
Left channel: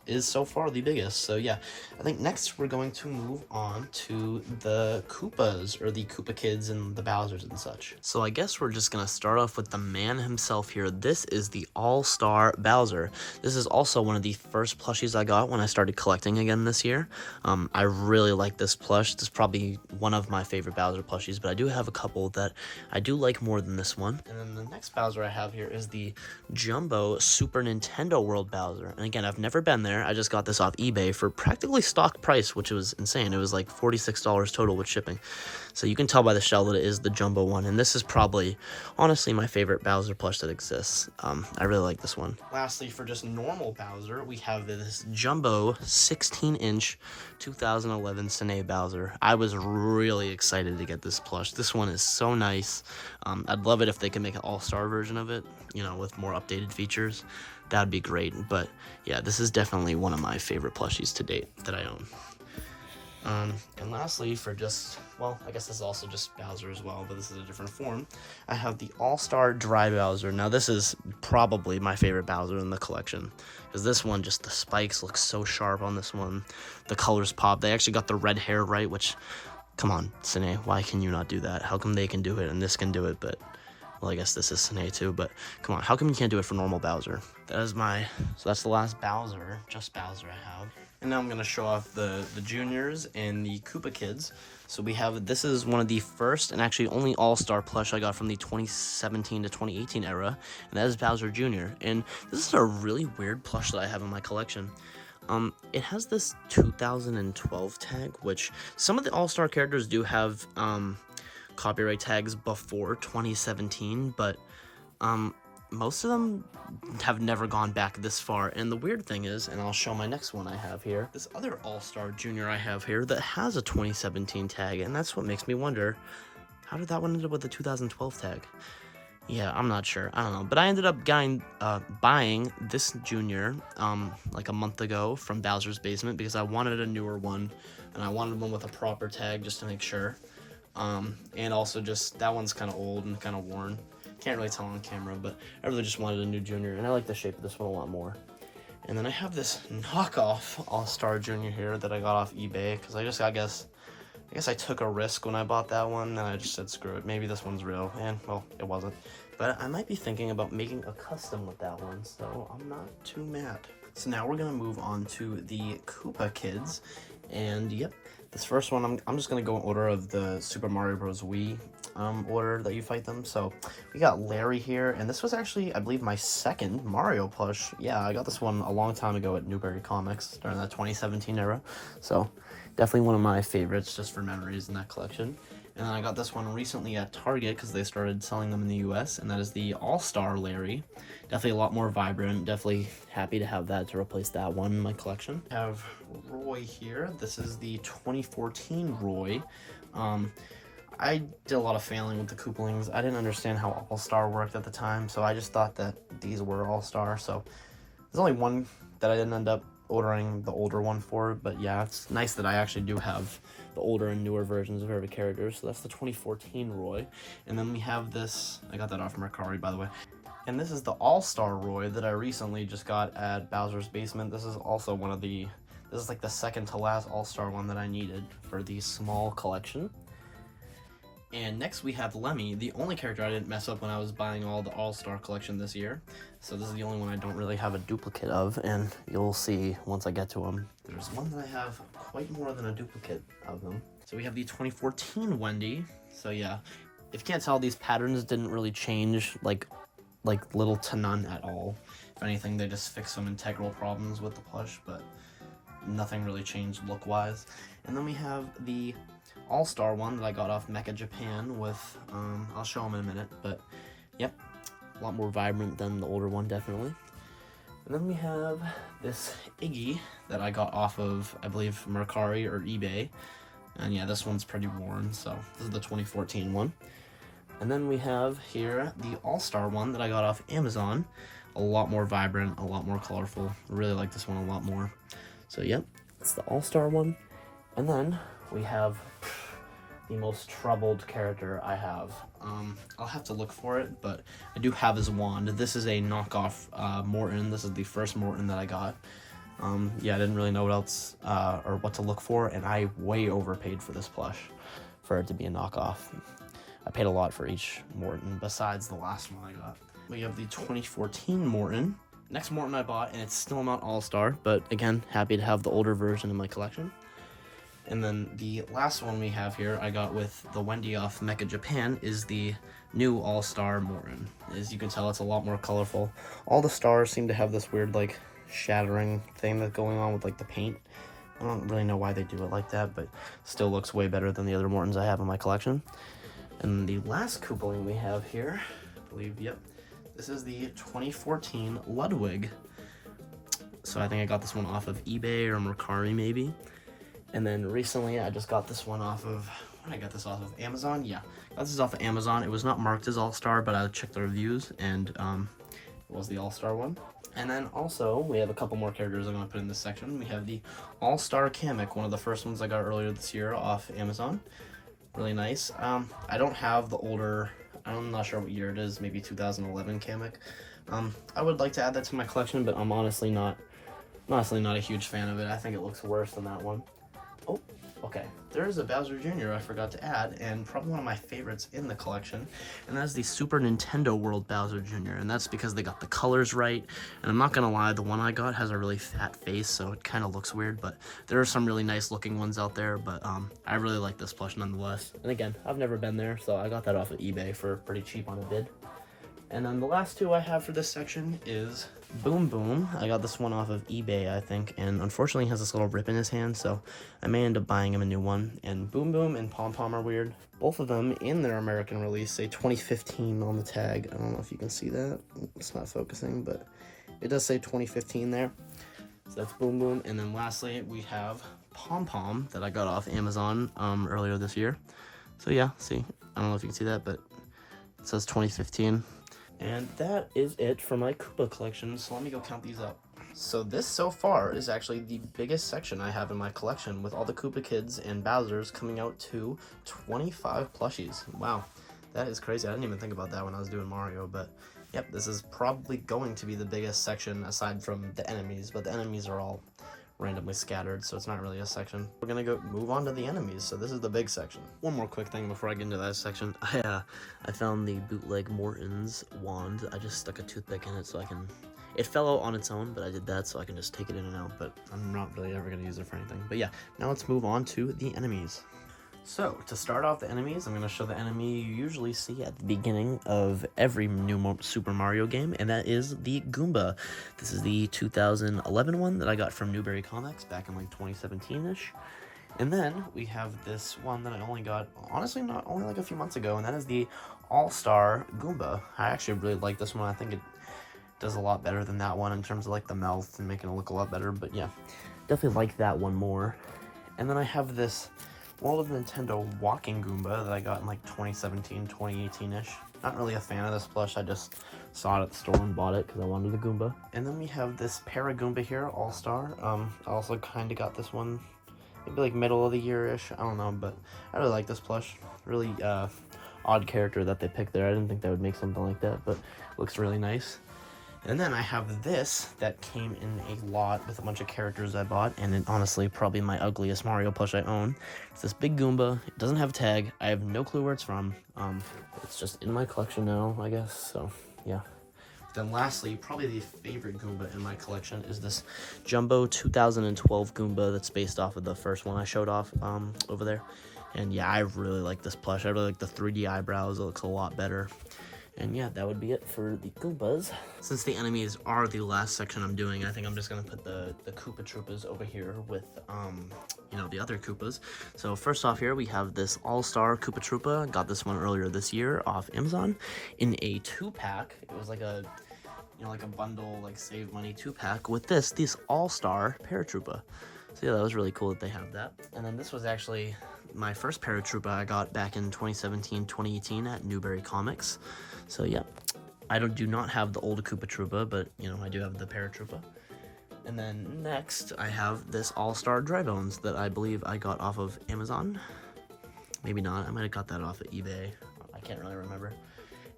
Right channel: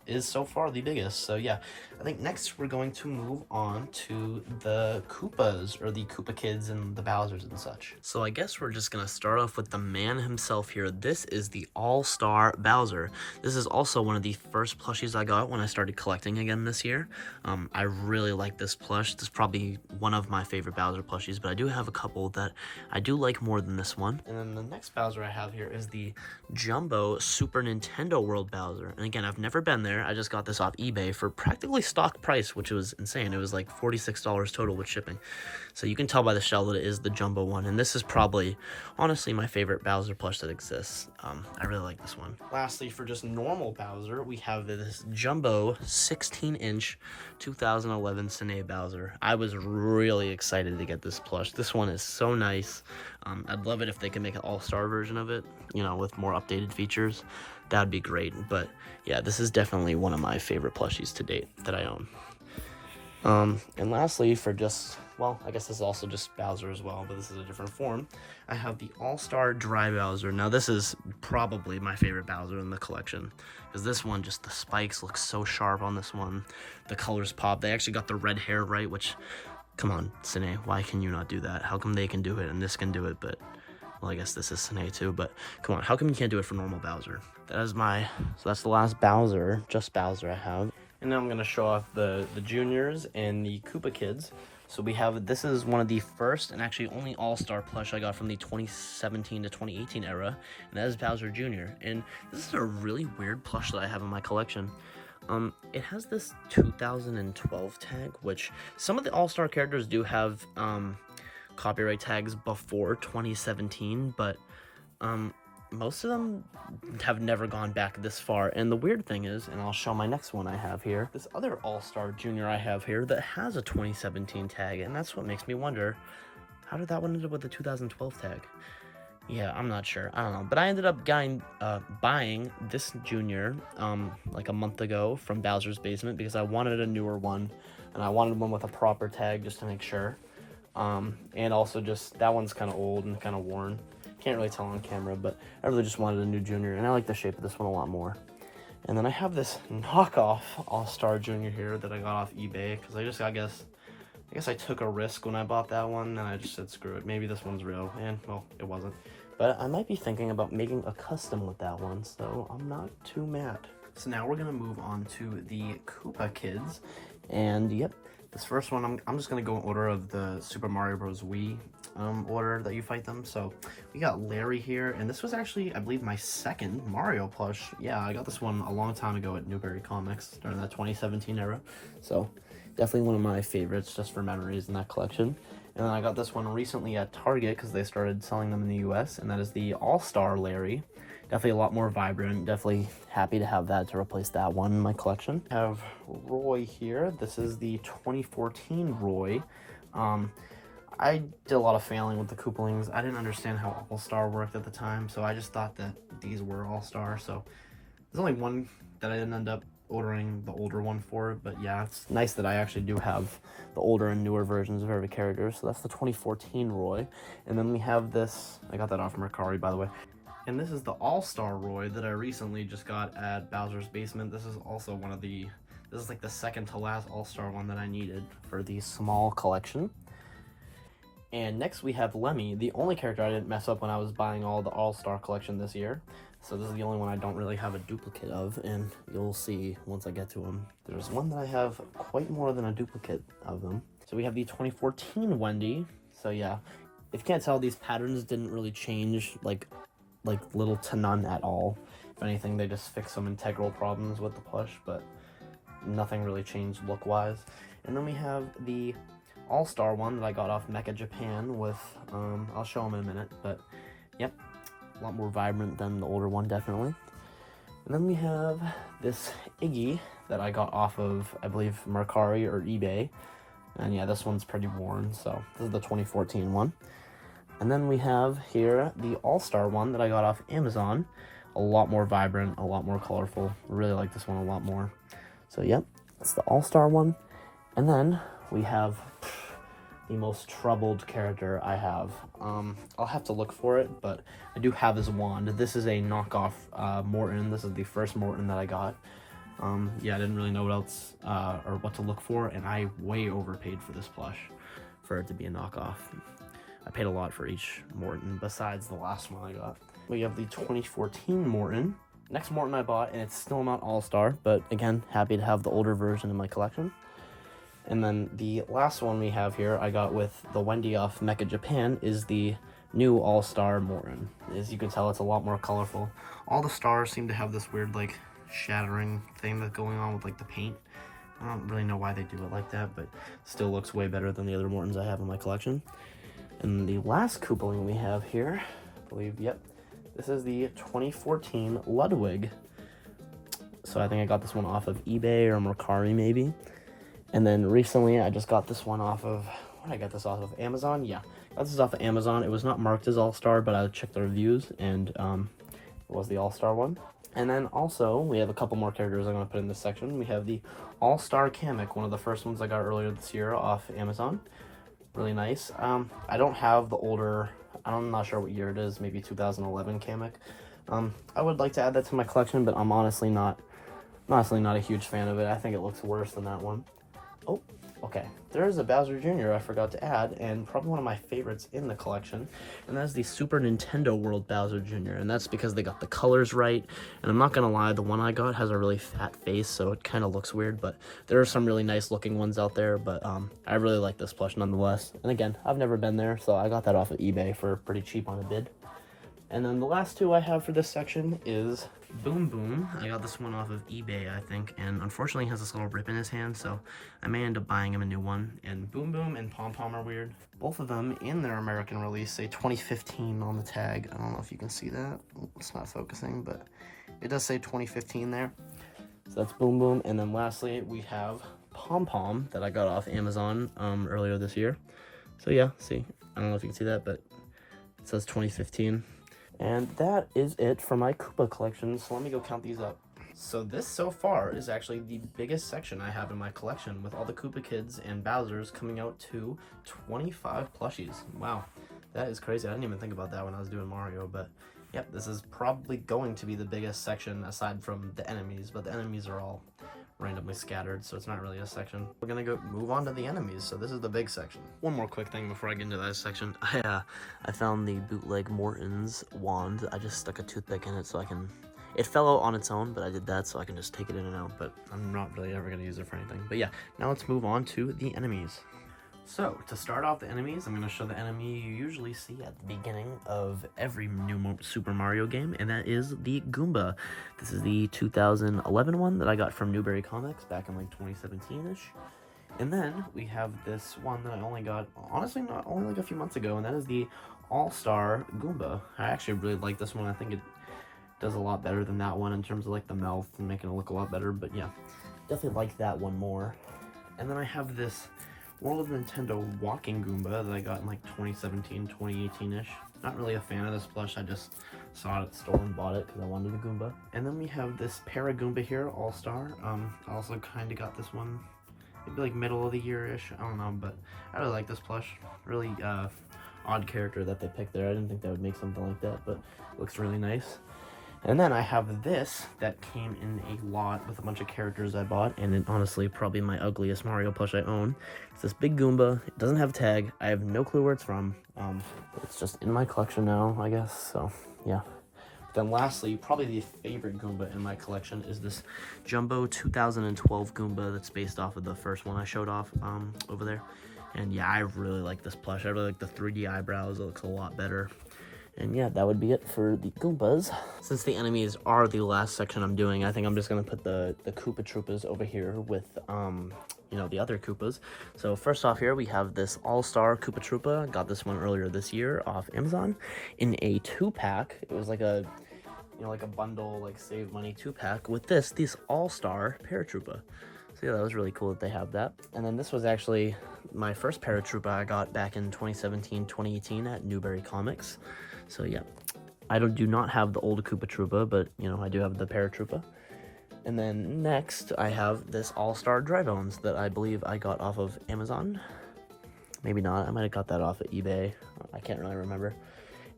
is so far the biggest. So yeah, I think next we're going to move on to the Koopas, or the Koopa Kids and the Bowsers and such. So I guess we're just gonna start off with the man himself here. This is the All-Star Bowser. This is also one of the first plushies I got when I started collecting again this year. I really like this plush. This is probably one of my favorite Bowser plushies, but I do have a couple that I do like more than this one. And then the next Bowser I have here is the Jumbo Super Nintendo World Bowser. And again, I've never been there. I just got this off eBay for practically stock price, which was insane. It was like $46 total with shipping. So you can tell by the shell that it is the Jumbo one. And this is probably, honestly, my favorite Bowser plush that exists. I really like this one. Lastly, for just normal Bowser, we have this Jumbo 16-inch 2011 Cine Bowser. I was really excited to get this plush. This one is so nice. I'd love it if they could make an all-star version of it, you know, with more updated features. That'd be great. But yeah, this is definitely one of my favorite plushies to date that I own. And lastly, for just, well, I guess this is also just Bowser as well, but this is a different form. I have the All-Star Dry Bowser. Now, this is probably my favorite Bowser in the collection, because this one, just the spikes look so sharp on this one. The colors pop. They actually got the red hair right, which, come on, Cine, why can you not do that? How come they can do it and this can do it, but, well, I guess this is Cine too, but come on, how come you can't do it for normal Bowser? So that's the last Bowser, just Bowser I have. And now I'm going to show off the juniors and the Koopa Kids. So we have, this is one of the first and actually only All-Star plush I got from the 2017 to 2018 era, and that is Bowser Jr. And this is a really weird plush that I have in my collection. It has this 2012 tag, which some of the All-Star characters do have copyright tags before 2017, but most of them have never gone back this far. And the weird thing is, and I'll show my next one I have here, this other All-Star Junior I have here that has a 2017 tag, and that's what makes me wonder, how did that one end up with the 2012 tag? Yeah, I'm not sure. I don't know. But I ended up buying this Junior like a month ago from Bowser's Basement because I wanted a newer one, and I wanted one with a proper tag just to make sure. And also just, that one's kind of old and kind of worn. Can't really tell on camera, but I really just wanted a new Junior, and I like the shape of this one a lot more. And then I have this knockoff All-Star Junior here that I got off eBay, because I guess I took a risk when I bought that one, and I just said, screw it, maybe this one's real, and, well, it wasn't. But I might be thinking about making a custom with that one, so I'm not too mad. So now we're going to move on to the Koopa Kids, and yep, This first one, I'm just gonna go in order of the Super Mario Bros. Wii order that you fight them. So we got Larry here, and this was actually, I believe, my second Mario plush. Yeah, I got this one a long time ago at Newberry Comics during that 2017 era. So definitely one of my favorites just for memories in that collection. And then I got this one recently at Target because they started selling them in the US, and that is the All-Star Larry. Definitely a lot more vibrant. Definitely happy to have that to replace that one in my collection. I have Roy here. This is the 2014 Roy. I did a lot of failing with the Koopalings. I didn't understand how All-Star worked at the time, so I just thought that these were All-Star. So there's only one that I didn't end up ordering the older one for, but yeah, it's nice that I actually do have the older and newer versions of every character. So that's the 2014 Roy. And then we have this, I got that off Mercari, by the way. And this is the All-Star Roy that I recently just got at Bowser's Basement. This is also one of the, this is like the second to last All-Star one that I needed for the small collection. And next we have Lemmy, the only character I didn't mess up when I was buying all the All-Star collection this year. So this is the only one I don't really have a duplicate of, and you'll see once I get to them. There's one that I have quite more than a duplicate of them. So we have the 2014 Wendy. So yeah, if you can't tell, these patterns didn't really change like little to none at all. If anything, they just fixed some integral problems with the plush, but nothing really changed look-wise. And then we have the All-Star one that I got off Mecha Japan with, I'll show them in a minute, but yep, a lot more vibrant than the older one, definitely. And then we have this Iggy that I got off of, I believe, Mercari or eBay. And yeah, this one's pretty worn, so this is the 2014 one. And then we have here the All-Star one that I got off Amazon. A lot more vibrant, a lot more colorful. I really like this one a lot more. So yep, that's the All-Star one. And then we have the most troubled character I have. I'll have to look for it, but I do have his wand. This is a knockoff Morton. This is the first Morton that I got. Yeah, I didn't really know what else or what to look for, and I way overpaid for this plush for it to be a knockoff. I paid a lot for each Morton besides the last one I got. We have the 2014 Morton. Next Morton I bought, and it's still not All-Star, but again, happy to have the older version in my collection. And then the last one we have here, I got with the Wendy off Mecha Japan, is the new All-Star Morton. As you can tell, it's a lot more colorful. All the stars seem to have this weird, like, shattering thing that's going on with, like, the paint. I don't really know why they do it like that, but still looks way better than the other Mortons I have in my collection. And the last Koopaling we have here, I believe, yep, this is the 2014 Ludwig. So I think I got this one off of eBay or Mercari maybe. And then recently I just got this one off of, what did I get this off of? Amazon? Yeah, got this off of Amazon. It was not marked as All-Star, but I checked the reviews, and it was the All-Star one. And then also, we have a couple more characters I'm going to put in this section. We have the All-Star Kamek, one of the first ones I got earlier this year off Amazon. Really nice. I don't have the older, I'm not sure what year it is, maybe 2011 Kamek. I would like to add that to my collection, but I'm honestly not a huge fan of it. I think it looks worse than that one. Oh, okay. There's a Bowser Jr. I forgot to add, and probably one of my favorites in the collection, and that's the Super Nintendo World Bowser Jr., and that's because they got the colors right, and I'm not gonna lie, the one I got has a really fat face, so it kind of looks weird, but there are some really nice looking ones out there, but I really like this plush nonetheless. And again, I've never been there, so I got that off of eBay for pretty cheap on a bid. And then the last two I have for this section is Boom Boom. I got this one off of eBay, I think, and unfortunately he has this little rip in his hand, so I may end up buying him a new one. And Boom Boom and Pom Pom are weird. Both of them in their American release say 2015 on the tag. I don't know if you can see that. It's not focusing, but it does say 2015 there. So that's Boom Boom. And then lastly, we have Pom Pom that I got off Amazon earlier this year. So yeah, see, I don't know if you can see that, but it says 2015. And that is it for my Koopa collection, so let me go count these up. So this so far is actually the biggest section I have in my collection, with all the Koopa Kids and Bowsers coming out to 25 plushies. Wow, that is crazy. I didn't even think about that when I was doing Mario, but yep, this is probably going to be the biggest section aside from the enemies, but the enemies are all randomly scattered, so it's not really a section. We're gonna go move on to the enemies, so this is the big section. One more quick thing before I get into that section. I found the bootleg Morton's wand. I just stuck a toothpick in it so I can It fell out on its own, but I did that so I can just take it in and out, but I'm not really ever going to use it for anything. But yeah, now let's move on to the enemies. So, to start off the enemies, I'm going to show the enemy you usually see at the beginning of every new Super Mario game, and that is the Goomba. This is the 2011 one that I got from Newberry Comics back in like 2017-ish. And then we have this one that I only got, honestly, not only like a few months ago, and that is the All-Star Goomba. I actually really like this one. I think it does a lot better than that one in terms of like the mouth and making it look a lot better, but yeah, definitely like that one more. And then I have this World of Nintendo walking Goomba that I got in like 2017, 2018-ish. Not really a fan of this plush, I just saw it at the store and bought it because I wanted the Goomba. And then we have this Para Goomba here, All-Star. I also kind of got this one maybe like middle of the year-ish, I don't know, but I really like this plush. Really odd character that they picked there. I didn't think they would make something like that, but it looks really nice. And then I have this that came in a lot with a bunch of characters I bought, and it honestly probably my ugliest Mario plush I own. It's this big Goomba. It doesn't have a tag. I have no clue where it's from. It's just in my collection now, I guess, so yeah. Then lastly, probably the favorite Goomba in my collection is this Jumbo 2012 Goomba that's based off of the first one I showed off over there. And yeah, I really like this plush. I really like the 3D eyebrows. It looks a lot better. And yeah, that would be it for the Goombas. Since the enemies are the last section I'm doing, I think I'm just gonna put the Koopa Troopas over here with, you know, the other Koopas. So first off here, we have this All-Star Koopa Troopa. Got this one earlier this year off Amazon in a 2-pack. It was like a, you know, like a bundle, like save money 2-pack with this All-Star Paratroopa. So yeah, that was really cool that they have that. And then this was actually my first Paratroopa I got back in 2017, 2018 at Newberry Comics. So yeah, I do not have the old Koopa Troopa, but you know, I do have the Paratroopa. And then next, I have this All-Star Drybones that I believe I got off of Amazon. Maybe not, I might have got that off of eBay. I can't really remember.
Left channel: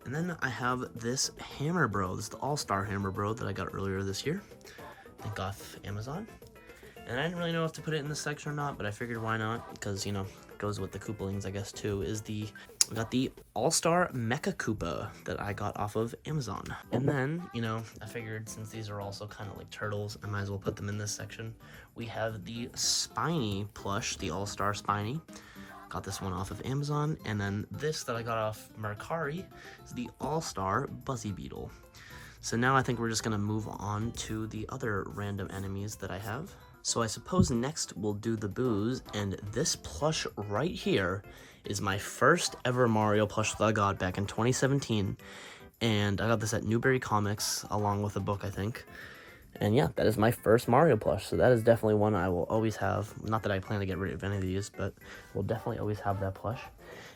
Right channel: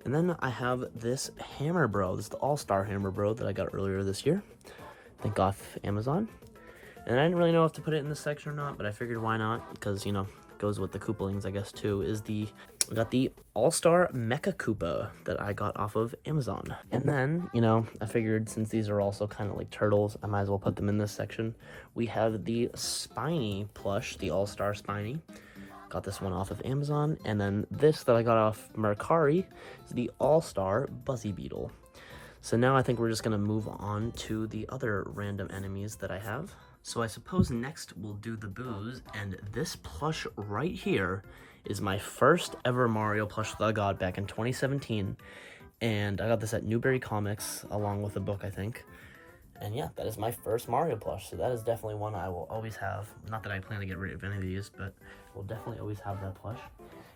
And then I have this Hammer Bro. This is the All-Star Hammer Bro that I got earlier this year. I think off Amazon. And I didn't really know if to put it in this section or not, but I figured why not, because, you know, it goes with the Koopalings, I guess, too, is I got the All-Star Mecha Koopa that I got off of Amazon. And then, you know, I figured since these are also kind of like turtles, I might as well put them in this section. We have the Spiny plush, the All-Star Spiny. Got this one off of Amazon. And then this that I got off Mercari is the All-Star Buzzy Beetle. So now I think we're just going to move on to the other random enemies that I have. So I suppose next we'll do the boos, and this plush right here is my first ever Mario plush that I got back in 2017, and I got this at Newberry Comics along with a book, I think. And yeah, that is my first Mario plush, so that is definitely one I will always have. Not that I plan to get rid of any of these, but we'll definitely always have that plush.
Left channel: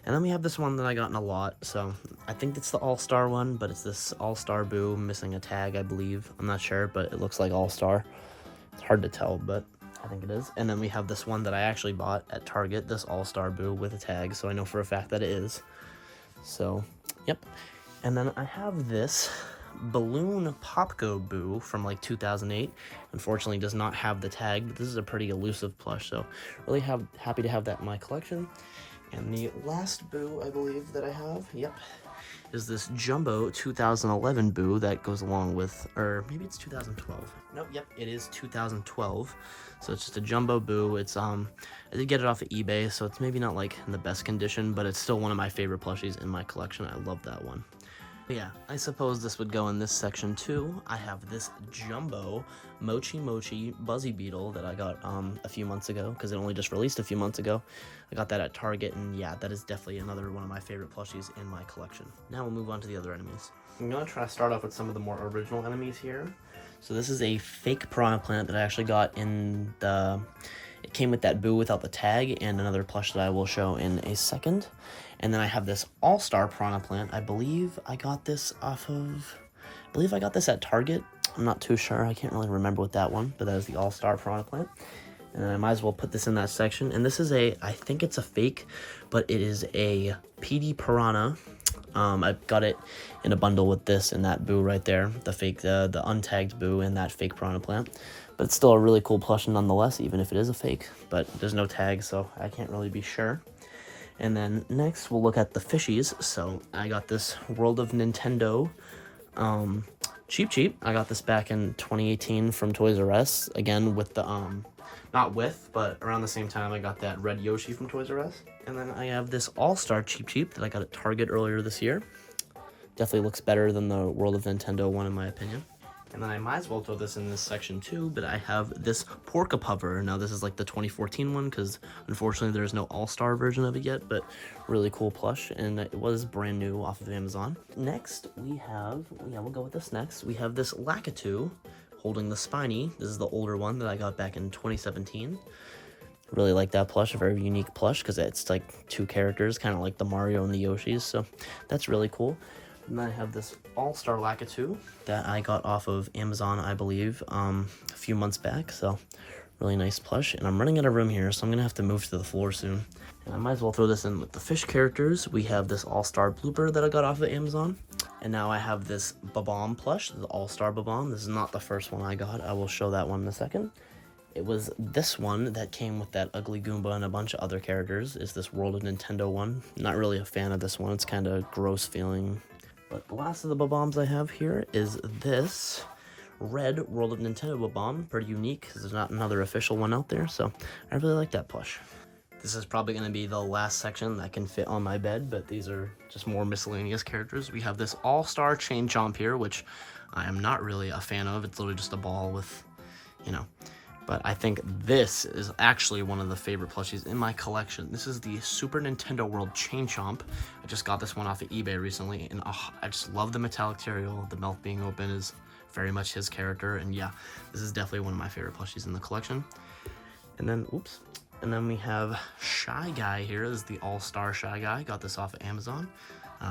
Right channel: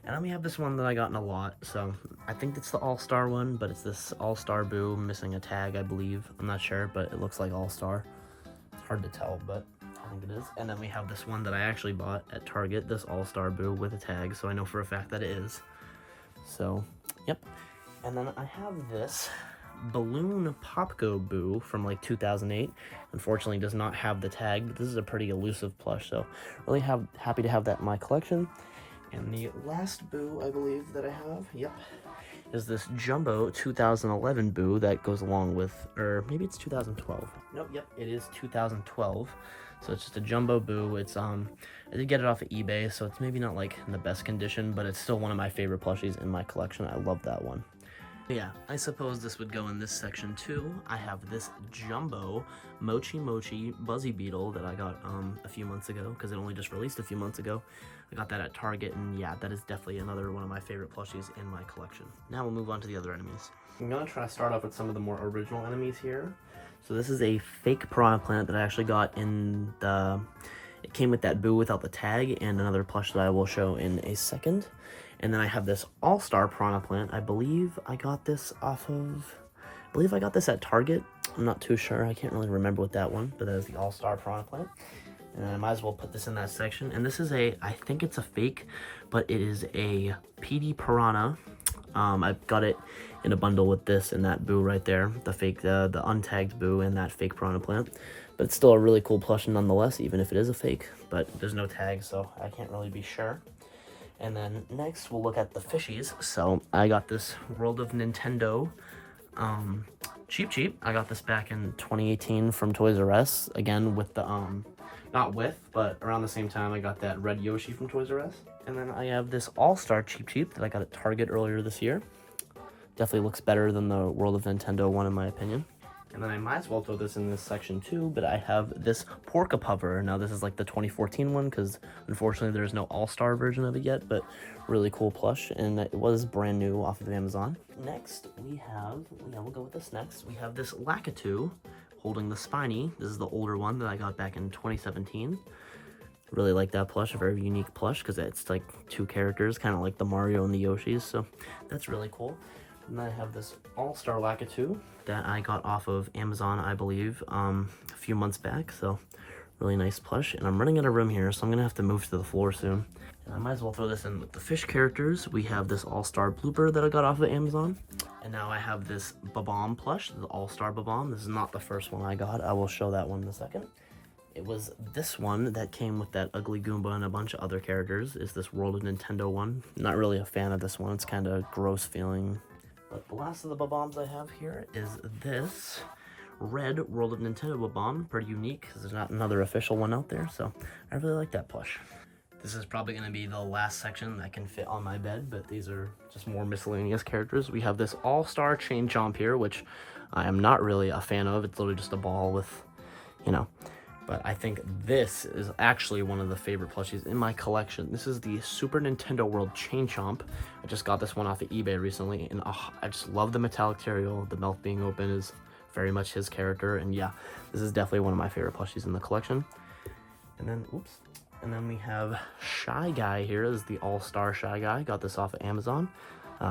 And then we have this one that I got in a lot, so I think it's the All-Star one, but it's this All-Star Boo missing a tag, I believe. I'm not sure, but it looks like All-Star. It's hard to tell, but I think it is. And then we have this one that I actually bought at Target, this All-Star Boo with a tag, so I know for a fact that it is. So, yep. And then I have this Balloon Popgo Boo from like 2008. Unfortunately, does not have the tag, but this is a pretty elusive plush, so really happy to have that in my collection. And the last Boo, I believe, that I have, yep, is this Jumbo 2011 Boo that goes along with, or maybe it's 2012. Nope, yep, it is 2012. So it's just a Jumbo Boo. It's, I did get it off of eBay, so it's maybe not like in the best condition, but it's still one of my favorite plushies in my collection. I love that one. Yeah, I suppose this would go in this section too. I have this Jumbo Mochi Mochi Buzzy Beetle that I got a few months ago, because it only just released a few months ago. I got that at Target, and yeah, that is definitely another one of my favorite plushies in my collection. Now we'll move on to the other enemies. I'm gonna try to start off with some of the more original enemies here. So this is a fake Piranha Plant that I actually got in the... It came with that Boo without the tag, and another plush that I will show in a second. And then I have this All-Star Piranha Plant. I believe I got this off of... I believe I got this at Target. I'm not too sure. I can't really remember with that one, but that is the All-Star Piranha Plant. And I might as well put this in that section. And this is a... I think it's a fake, but it is a PD Piranha. I got it in a bundle with this and that Boo right there. The fake, the untagged Boo and that fake Piranha Plant. But it's still a really cool plush nonetheless, even if it is a fake. But there's no tag, so I can't really be sure. And then next, we'll look at the fishies. So I got this World of Nintendo Cheap. I got this back in 2018 from Toys R Us. Again, with the, not with, but around the same time I got that red Yoshi from Toys R Us. And then I have this All-Star Cheap that I got at Target earlier this year. Definitely looks better than the World of Nintendo one in my opinion. And then I might as well throw this in this section too, but I have this Porka Puffer. Now this is like the 2014 one because unfortunately there's no All-Star version of it yet, but really cool plush, and it was brand new off of Amazon. Next we have, we'll go with this next. We have this Lakitu holding the Spiny. This is the older one that I got back in 2017. Really like that plush, a very unique plush because it's like two characters, kind of like the Mario and the Yoshis, so that's really cool. And then I have this All-Star Lakitu that I got off of Amazon, I believe, a few months back. So, really nice plush. And I'm running out of room here, so I'm going to have to move to the floor soon. And I might as well throw this in with the fish characters. We have this All-Star Blooper that I got off of Amazon. And now I have this Babam plush, the All-Star Babam. This is not the first one I got. I will show that one in a second. It was this one that came with that ugly Goomba and a bunch of other characters. It's this World of Nintendo one. Not really a fan of this one. It's kind of gross feeling. But the last of the Babams I have here is this red World of Nintendo Babam. Pretty unique because there's not another official one out there, so I really like that plush. This is probably going to be the last section that can fit on my bed, but these are just more miscellaneous characters. We have this All-Star Chain Chomp here, which I am not really a fan of. It's literally just a ball with, you know, but I think this is actually one of the favorite plushies in my collection. This is the Super Nintendo World Chain Chomp. I just got this one off of eBay recently, and I just love the metallic material. The mouth being open is very much his character, and yeah, this is definitely one of my favorite plushies in the collection. And then, oops, and then we have Shy Guy here. This is the All-Star Shy Guy. Got this off of Amazon.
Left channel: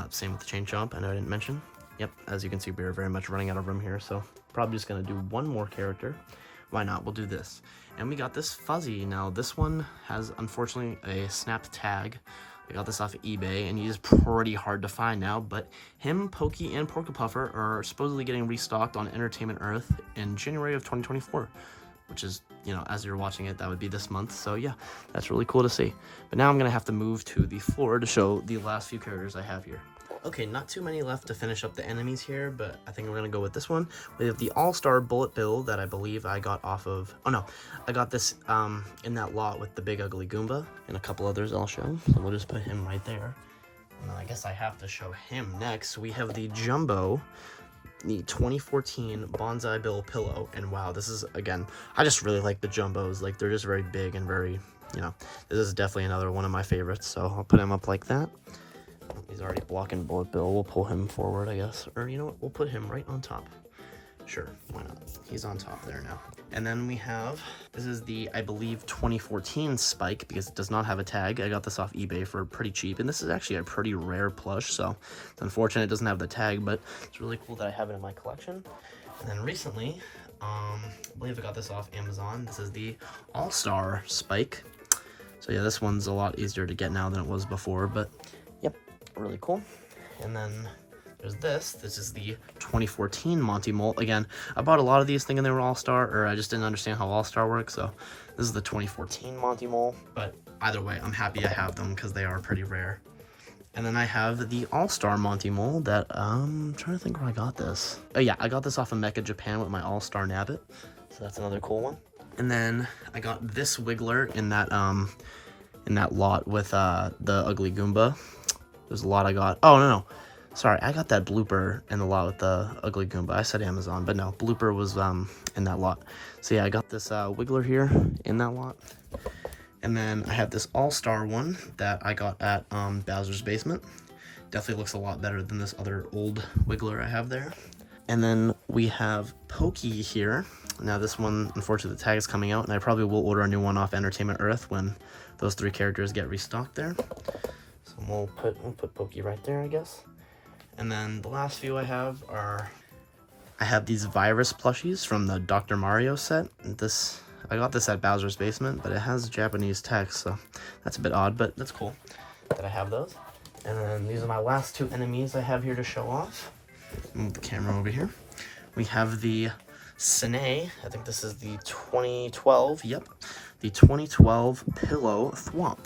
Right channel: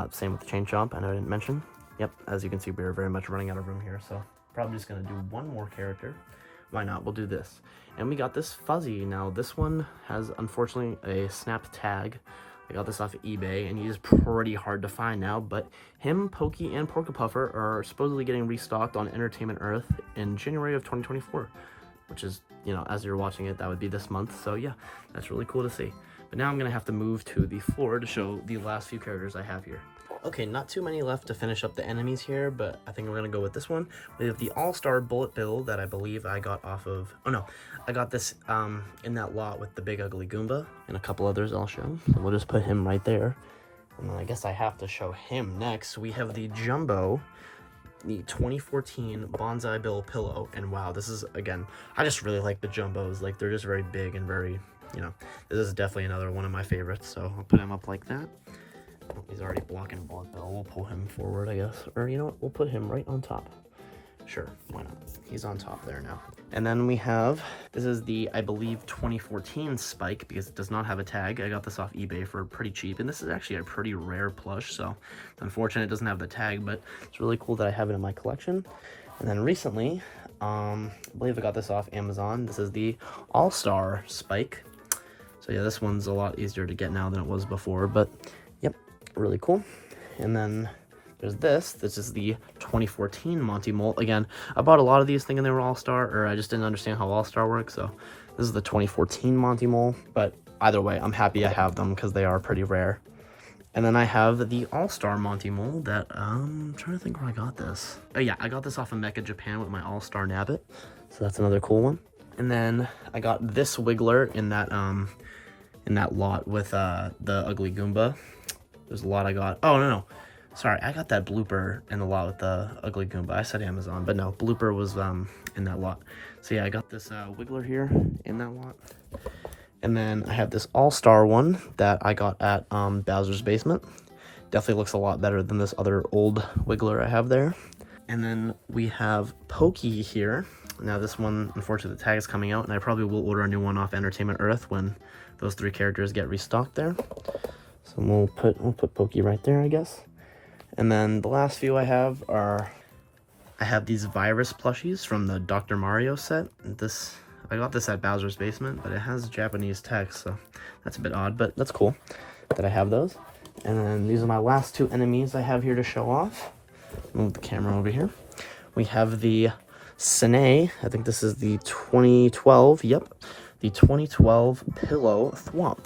Same with the Chain Chomp, I know I didn't mention. Yep, as you can see, we're very much running out of room here, so probably just gonna do one more character. Why not? We'll do this. And we got this Fuzzy. Now, this one has, unfortunately, a snapped tag. I got this off of eBay, and he's pretty hard to find now, but him, Pokey, and Porka Puffer are supposedly getting restocked on Entertainment Earth in January of 2024, which is, you know, as you're watching it, that would be this month. So, yeah, that's really cool to see. But now I'm going to have to move to the floor to show the last few characters I have here. Okay, not too many left to finish up the enemies here, but I think we're going to go with this one. We have the All-Star Bullet Bill that I believe I got off of... Oh, no. I got this in that lot with the big ugly Goomba and a couple others I'll show. So we'll just put him right there. And then I guess I have to show him next. We have the Jumbo, the 2014 Bonsai Bill Pillow. And wow, this is, again, I just really like the Jumbos. Like, they're just very big and very, you know, this is definitely another one of my favorites. So I'll put him up like that. He's already blocking Bullet Bill. We'll pull him forward, I guess. Or, you know what? We'll put him right on top. Sure, why not? He's on top there now. And then we have, this is the, I believe, 2014 Spike, because it does not have a tag. I got this off eBay for pretty cheap, and this is actually a pretty rare plush, so it's unfortunate it doesn't have the tag, but it's really cool that I have it in my collection. And then recently, I believe I got this off Amazon. This is the All-Star Spike. So yeah, this one's a lot easier to get now than it was before, but yep, really cool. And then there's this. This is the 2014 Monty Mole. Again, I bought a lot of these thinking they were All-Star, or I just didn't understand how All-Star works, so this is the 2014 Monty Mole. But either way, I'm happy I have them because they are pretty rare. And then I have the All-Star Monty Mole that, I'm trying to think where I got this. Oh yeah, I got this off of Mecha Japan with my All-Star Nabbit, so that's another cool one. And then I got this Wiggler in that lot with the Ugly Goomba. There's a lot I got. Oh, no. Sorry, I got that Blooper in the lot with the Ugly Goomba. I said Amazon, but no, Blooper was in that lot. So yeah, I got this Wiggler here in that lot. And then I have this All-Star one that I got at Bowser's Basement. Definitely looks a lot better than this other old Wiggler I have there. And then we have Pokey here. Now this one, unfortunately, the tag is coming out, and I probably will order a new one off Entertainment Earth when those three characters get restocked there. So we'll put Pokey right there, I guess. And then the last few I have are, I have these Virus plushies from the Dr. Mario set. I got this at Bowser's Basement, but it has Japanese text, so that's a bit odd, but that's cool that I have those. And then these are my last two enemies I have here to show off. Move the camera over here. We have the Sine. I think this is the 2012, yep, the 2012 Pillow Thwomp.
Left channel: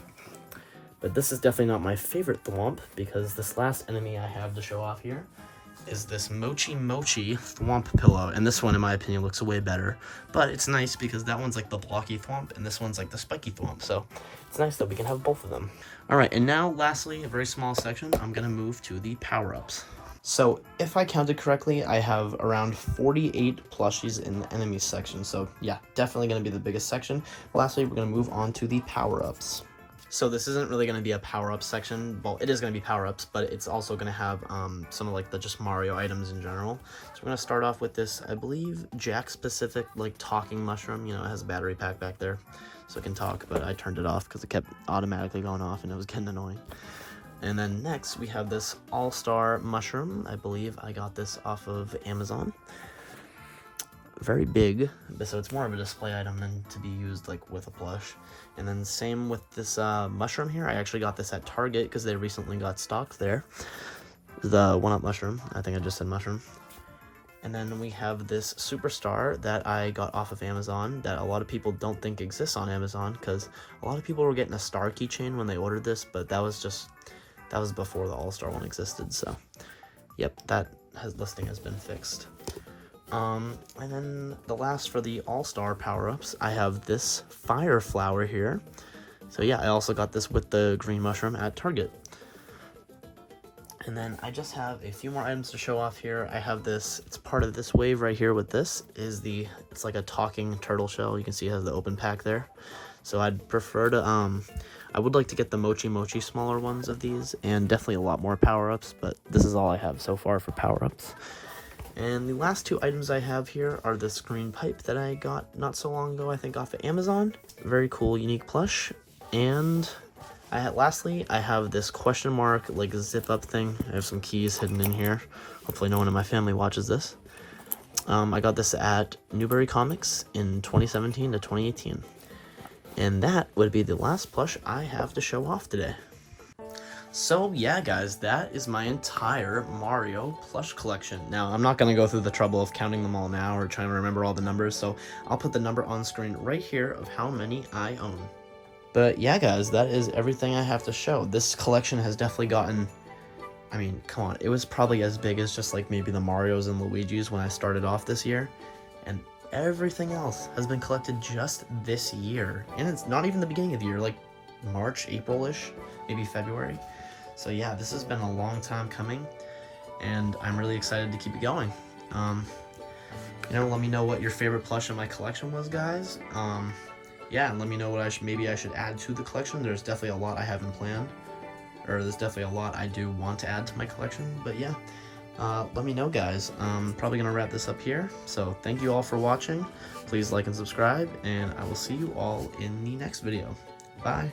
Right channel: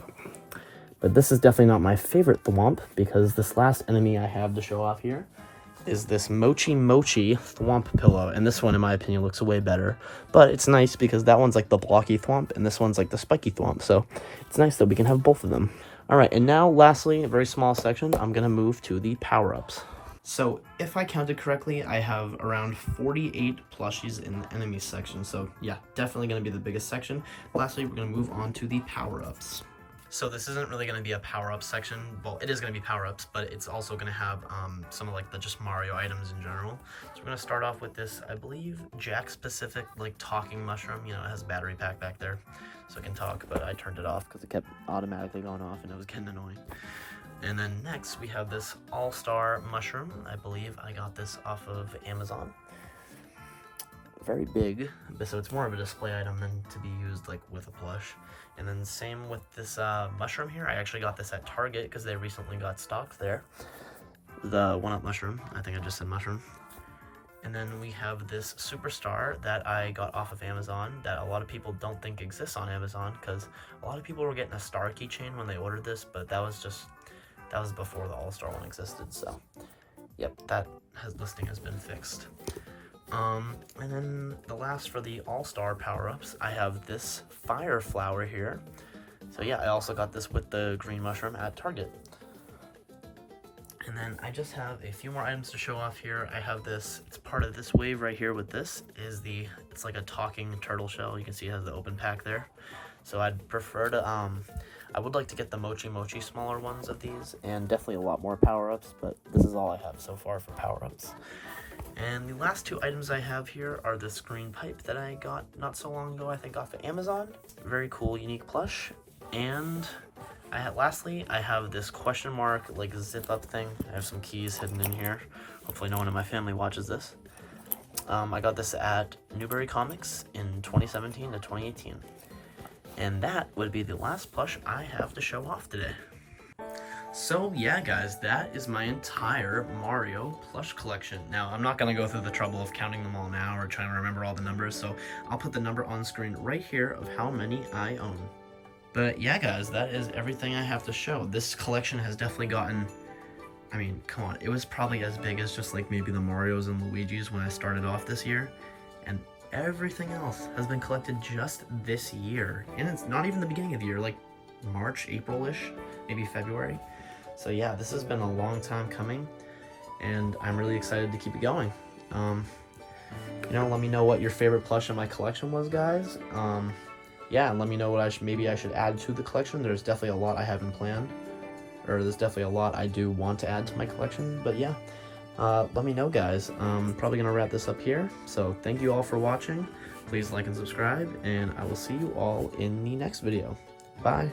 But this is definitely not my favorite Thwomp, because this last enemy I have to show off here is this Mochi Thwomp pillow. And this one, in my opinion, looks way better. But it's nice because that one's like the blocky Thwomp, and this one's like the spiky Thwomp. So it's nice that we can have both of them. All right, and now lastly, a very small section, I'm going to move to the power-ups. So if I counted correctly, I have around 48 plushies in the enemies section. So yeah, definitely going to be the biggest section. Lastly, we're going to move on to the power-ups. So this isn't really going to be a power-up section. Well, it is going to be power-ups, but it's also going to have some of like the just Mario items in general. So we're going to start off with this, I believe, Jack-specific like talking mushroom. You know, it has a battery pack back there, so it can talk, but I turned it off because it kept automatically going off and it was getting annoying. And then next we have this all-star mushroom. I believe I got this off of Amazon. Very big, so it's more of a display item than to be used like with a plush. And then same with this mushroom here. I actually got this at Target because they recently got stocked there. The 1-up mushroom. I think I just said mushroom. And then we have this superstar that I got off of Amazon that a lot of people don't think exists on Amazon, because a lot of people were getting a star keychain when they ordered this, but that was before the all-star one existed. So yep, that listing has been fixed. And then the last for the all-star power-ups, I have this fire flower here. So yeah, I also got this with the green mushroom at Target. And then I just have a few more items to show off here. I have this, it's part of this wave right here with this, it's like a talking turtle shell. You can see it has the open pack there. So I'd prefer to, I would like to get the Mochi smaller ones of these, and definitely a lot more power-ups, but this is all I have so far for power-ups. And the last two items I have here are this green pipe that I got not so long ago, I think off of Amazon. Very cool, unique plush. And lastly, I have this question mark, like zip up thing. I have some keys hidden in here. Hopefully no one in my family watches this. I got this at Newberry Comics in 2017 to 2018. And that would be the last plush I have to show off today. So yeah, guys, that is my entire Mario plush collection. Now, I'm not going to go through the trouble of counting them all now or trying to remember all the numbers, so I'll put the number on screen right here of how many I own. But yeah, guys, that is everything I have to show. This collection has definitely gotten, I mean, come on, it was probably as big as just like maybe the Marios and Luigis when I started off this year, and everything else has been collected just this year. And it's not even the beginning of the year, like March, April-ish, maybe February. So yeah, this has been a long time coming, and I'm really excited to keep it going. You know, let me know what your favorite plush in my collection was, guys. Yeah, and let me know what maybe I should add to the collection. There's definitely a lot I haven't planned, or there's definitely a lot I do want to add to my collection, but yeah. Let me know, guys. I'm probably gonna wrap this up here, so thank you all for watching. Please like and subscribe, and I will see you all in the next video. Bye.